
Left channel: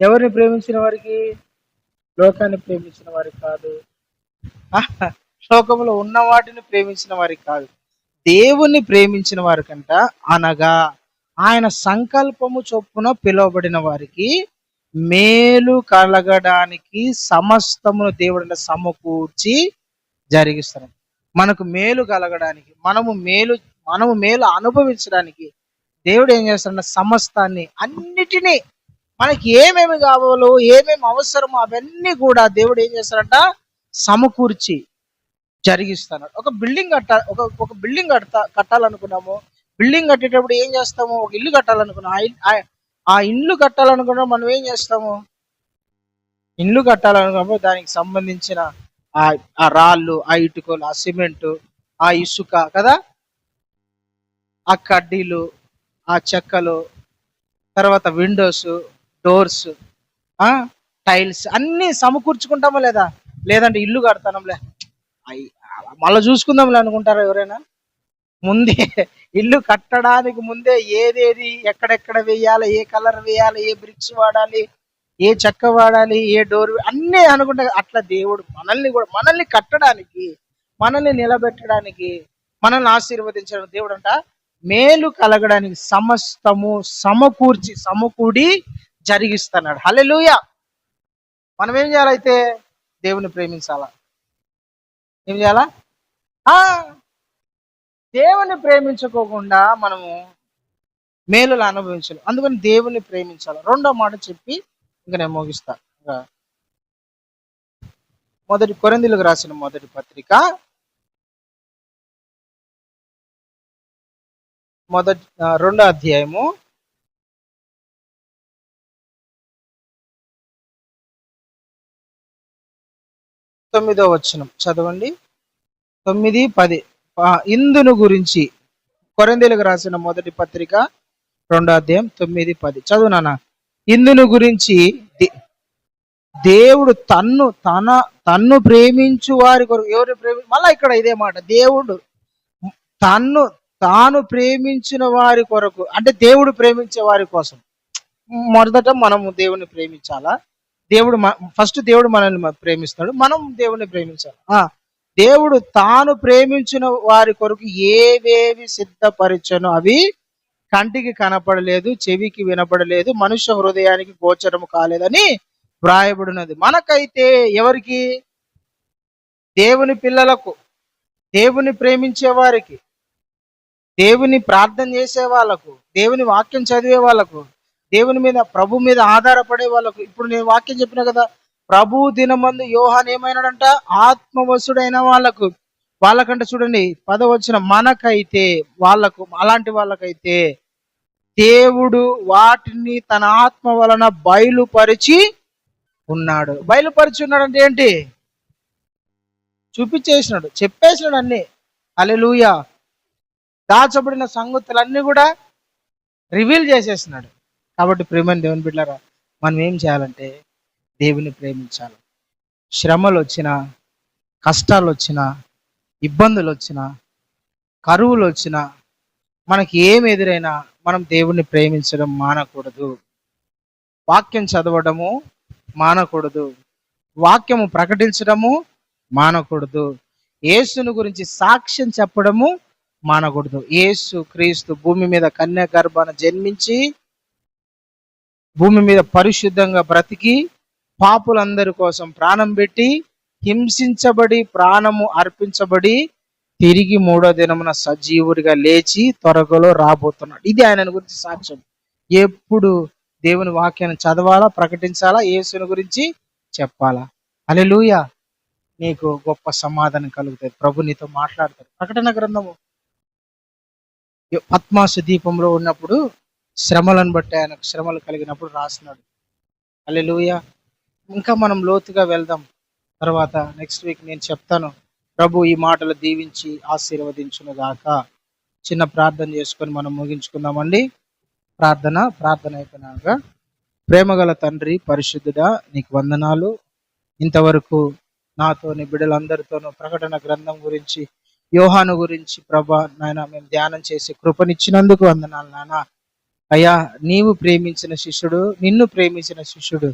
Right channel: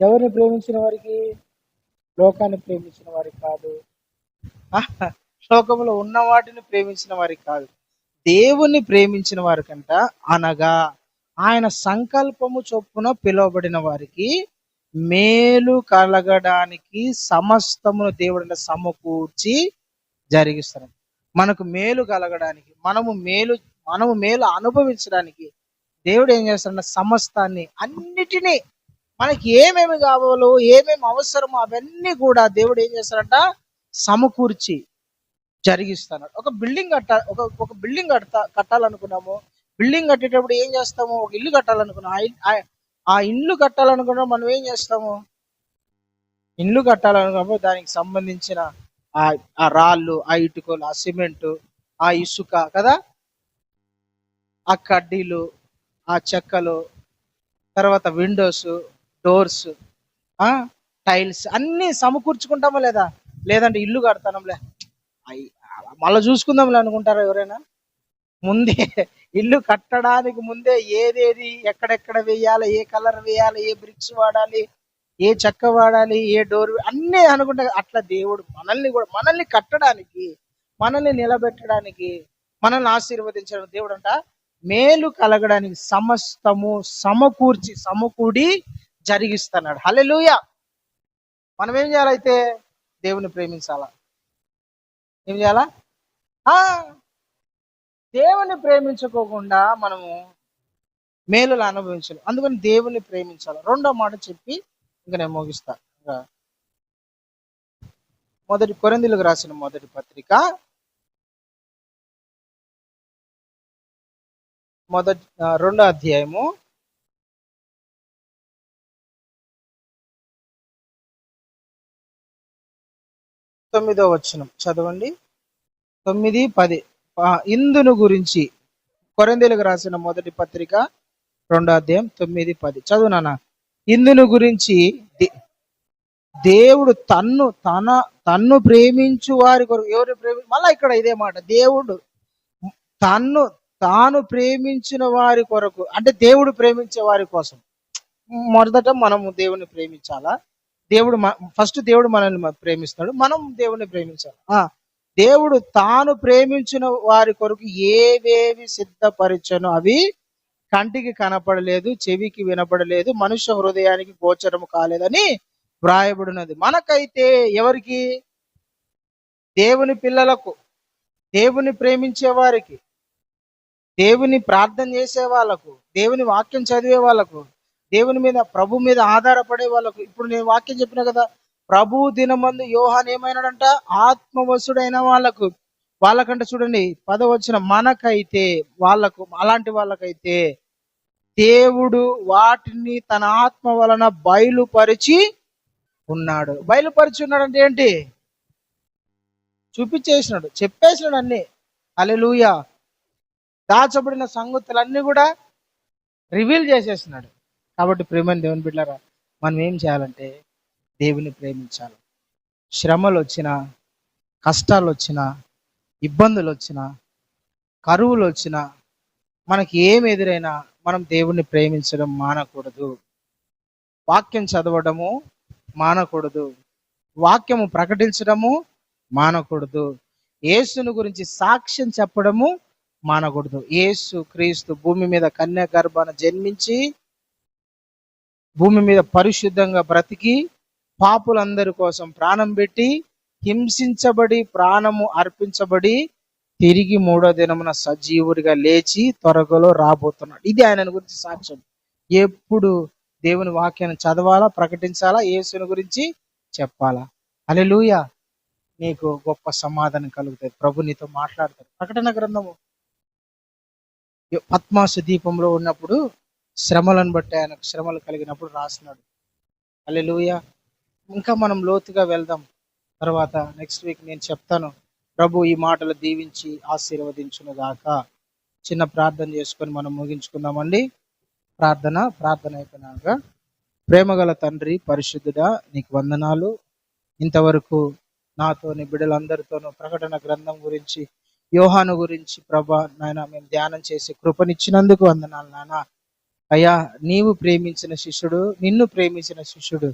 ఎవరిని ప్రేమించిన వారికి? లోకాన్ని ప్రేమించిన వారికి కాదు, లోకంలో ఉన్న వాటిని ప్రేమించిన వారికి కాదు, దేవుణ్ణి ప్రేమించిన వారికంట. అనగా ఆయన సంకల్పము చొప్పున పిలువబడిన వారికి మేలు కలగడానికి సమస్తమును దేవుడు సమకూర్చి జరిగిస్తాడు. మనకు మేలు కలగడానికి, మనము మేలు అనుభవించడానికి దేవుడు ఏం చేస్తాడంటే సమస్తాన్ని, అన్నిటినీ, మనకి ఏమేమి కావాలో, ఏమేమి అవసరమో అవన్నీ కూడా దేవుడు ఏం చేస్తాడంట? సమకూర్చి జరిగిస్తాడు. ఒక బిల్డింగ్ ఒక బిల్డింగ్ కట్టాలనుకున్నాము. బిల్డింగ్ కట్టేటప్పుడు ఏం చేస్తాము? ఒక ఇల్లు కట్టాలనుకున్నాం. ఆ ఇల్లు కట్టాలనుకున్నా మనం ఏం చేస్తాము? ఇల్లు కట్టాలనుకున్నప్పుడు దానికి సంబంధించిన ఆ రాళ్ళు, ఆ ఇటుకలు, ఆ సిమెంటు, ఆ ఇసుక కదా, ఆ కడ్డీలు, ఆ చెక్కలు, తర్వాత విండోస్, డోర్స్, టైల్స్ అన్ని సమకూర్చుకుంటామా లేదా? లేదంటే ఇల్లు కడతానంలే, మళ్ళీ చూసుకుందాంలే అనుకుంటారా ఎవరైనా? ముందే ఇల్లు కట్టడానికి ముందే ఏదేది ఎక్కడెక్కడ వేయాలి, ఏ కలర్ వేయాలి, ఏ బ్రిక్స్ వాడాలి, ఏ చెక్క వాడాలి, ఏ డోర్, అన్నీ అనుకుంటా. అట్లా దేవుడు మనల్ని కట్టడానికి, మనల్ని నిలబెట్టడానికి, మనల్ని ఆశీర్వదించడం దేవుడు అంట మేలు కలగడానికి సమస్తము సమకూడి జరిగిస్తున్నాడు. హల్లెలూయా. మనం ఏం చేయాలైతే? దేవుని ప్రేమించాలా. ఏం చేయాలా? దేవుని ప్రేమించుకోకుండా మనము మేలులు అనుభవించాలి. అందుకని దేవుని ప్రేమించాలి. 2వ మాట చెప్పి ఇంక నేను ముగిస్తా. కొరింథీయులకు రాసిన మొదటి పత్రిక 2వ అధ్యాయము 9వ వచనం చదవండి. 9, 10. ఇందును గురించి కొరింథీయులకు రాసిన మొదటి పత్రిక 2వ అధ్యాయం 9, 10 చదువు నాన్న. ఇందును గురించి దేవుడు తన్ను ప్రేమించు వారి కొరకు, ఎవరు మళ్ళా ఇక్కడ ఇదే మాట, దేవుడు తన్ను తాను ప్రేమించిన వారి కొరకు, అంటే దేవుడు ప్రేమించే వారి కోసం. మొదట మనము దేవుని ప్రేమించాలా? ఫస్ట్ దేవుడు మనల్ని ప్రేమిస్తాడు, మనం దేవుని ప్రేమించాలి. దేవుడు తాను ప్రేమించిన వారి కొరకు ఏవేవి సిద్ధపరిచను అవి కంటికి కనపడలేదు, చెవికి వినపడలేదు, మనుష్య హృదయానికి గోచరము కాలేదని వ్రాయబడినది. మనకైతే ఎవరికి? దేవుని పిల్లలకు, దేవుని ప్రేమించే వారికి, దేవుని ప్రార్థన చేసే వాళ్ళకు, దేవుని వాక్యం చదివే వాళ్ళకు, దేవుని మీద, ప్రభు మీద ఆధారపడే వాళ్ళకు. ఇప్పుడు నేను వాక్యం చెప్పిన కదా, ప్రభు దినమందు యోహాన్ ఏమైనాడంట? ఆత్మవశుడైన వాళ్ళకంటే చూడండి 10వ వచనం, మనకైతే, వాళ్ళకు, అలాంటి వాళ్ళకైతే దేవుడు వాటిని తన ఆత్మ వలన బయలుపరిచి ఉన్నాడు. బయలుపరిచి ఉన్నాడు అంటే ఏంటి? చూపించేసినాడు, చెప్పేసినాడు అన్ని. హల్లెలూయా. దాచబడిన సంగతులన్నీ కూడా రివీల్ చేసేసినాడు. కాబట్టి ప్రియమైన దేవుని బిడ్డలారా, మనం ఏం చేయాలంటే దేవుని ప్రేమించాలి. శ్రమలు వచ్చినా, కష్టాలు వచ్చినా, ఇబ్బందులు వచ్చినా, కరువులు వచ్చినా, మనకి ఏం ఎదురైనా మనం దేవుణ్ణి ప్రేమించడం మానకూడదు. వాక్యం చదవడము మానకూడదు, వాక్యము ప్రకటించడము మానకూడదు, యేసుని గురించి సాక్ష్యం చెప్పడము మానకూడదు. యేసు క్రీస్తు భూమి మీద కన్య గర్భాన జన్మించి, భూమి మీద పరిశుద్ధంగా బ్రతికి, పాపులందరి కోసం ప్రాణం పెట్టి, హింసించబడి, ప్రాణము అర్పించబడి, తిరిగి 3వ దినమున సజీవుడిగా లేచి త్వరలో రాబోతున్నాడు. ఇది ఆయన గురించి సాక్ష్యం. ఎప్పుడు దేవుని వాక్యాన్ని చదవాలా, ప్రకటించాలా, యేసుని గురించి చెప్పాలా. హల్లెలూయా. నీకు గొప్ప సమాధానం కలుగుతుంది. ప్రభు నీతో మాట్లాడతాడు. ప్రకటన గ్రంథము పద్మాసు దీపంలో ఉన్నప్పుడు శ్రమలను బట్టి, ఆయనకు శ్రమలు కలిగినప్పుడు రాసినాడు. హల్లెలూయా. ఇంకా మనం లోతుగా వెళ్దాం. తర్వాత నెక్స్ట్ వీక్ నేను చెప్తాను. ప్రభు ఈ మాటలు దీవించి ఆశీర్వదించును గాక. చిన్న ప్రార్థన చేసుకొని మనం ముగించుకుందామండి. ప్రార్థన అయిపోయినాక, ప్రేమగల తండ్రి, పరిశుద్ధుడా, నీకు వందనాలు. ఇంతవరకు నాతోని బిడ్డలందరితోనూ ప్రకటన గ్రంథం గురించి, యోహాను గురించి ప్రభా నాయన మేము ధ్యానం చేసి కృపనిచ్చినందుకు వందనాలు నాయన. అయ్యా, నీవు ప్రేమించిన శిష్యుడు, నిన్ను ప్రేమించిన శిష్యుడు,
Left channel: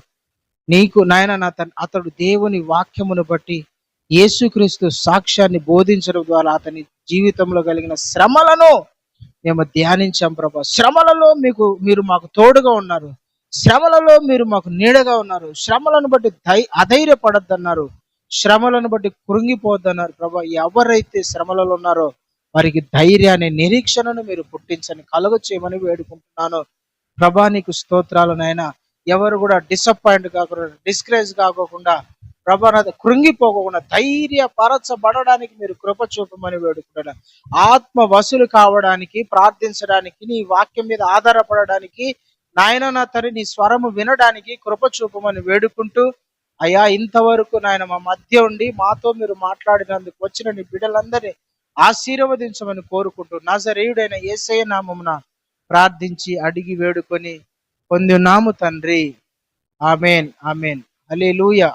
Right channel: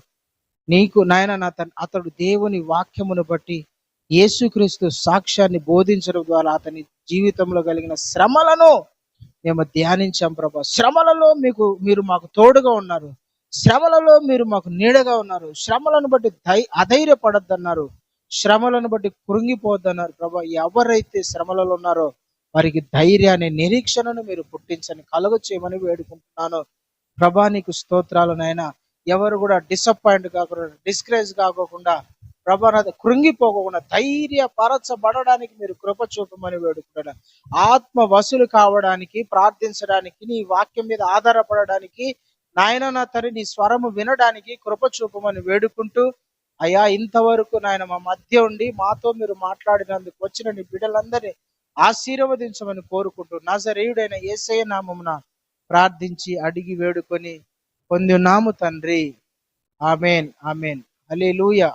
నీకు నాయన అతడు దేవుని వాక్యమును బట్టి యేసుక్రీస్తు సాక్ష్యాన్ని బోధించడం ద్వారా అతని జీవితంలో కలిగిన శ్రమలను మేము ధ్యానించాం ప్రభా. శ్రమలలో మీరు మాకు తోడుగా ఉన్నారు, శ్రమలలో మీరు మాకు నీడగా ఉన్నారు. శ్రమలను బట్టి అధైర్యపడద్దన్నారు, శ్రమలను బట్టి కృంగిపోద్దన్నారు ప్రభా. ఎవరైతే శ్రమలలో ఉన్నారో వారికి ధైర్యాన్ని, నిరీక్షణను మీరు పుట్టించని కలుగ చేయమని వేడుకుంటున్నాను ప్రభా. నీకు స్తోత్రాలు నాయన. ఎవరు కూడా డిసప్పాయింట్ కాకుండా, డిస్కరేజ్ కాకోకుండా ప్రభా, కృంగిపోకుండా ధైర్యపరచబడడానికి మీరు కృప చూపమని వేడుకుంటున్నాను. ఆత్మ వసూలు కావడానికి, ప్రార్థించడానికి, నీ వాక్యం మీద ఆధారపడడానికి నాయన, నా తండ్రి నీ స్వరము వినడానికి కృప చూపమని వేడుకుంటూ, అయ్యా ఇంతవరకు నాయన మా మధ్య ఉండి మాతో మీరు మాట్లాడినందుకు వచ్చిన నీ బిడ్డలందరినీ ఆశీర్వదించమని కోరుకుంటూ, నజరేయుడైన యేసయ్య నామమున ప్రార్థించి అడిగి వేడుకొని పొంది ఉన్నాము తండ్రి. ఆమెన్. హల్లెలూయా.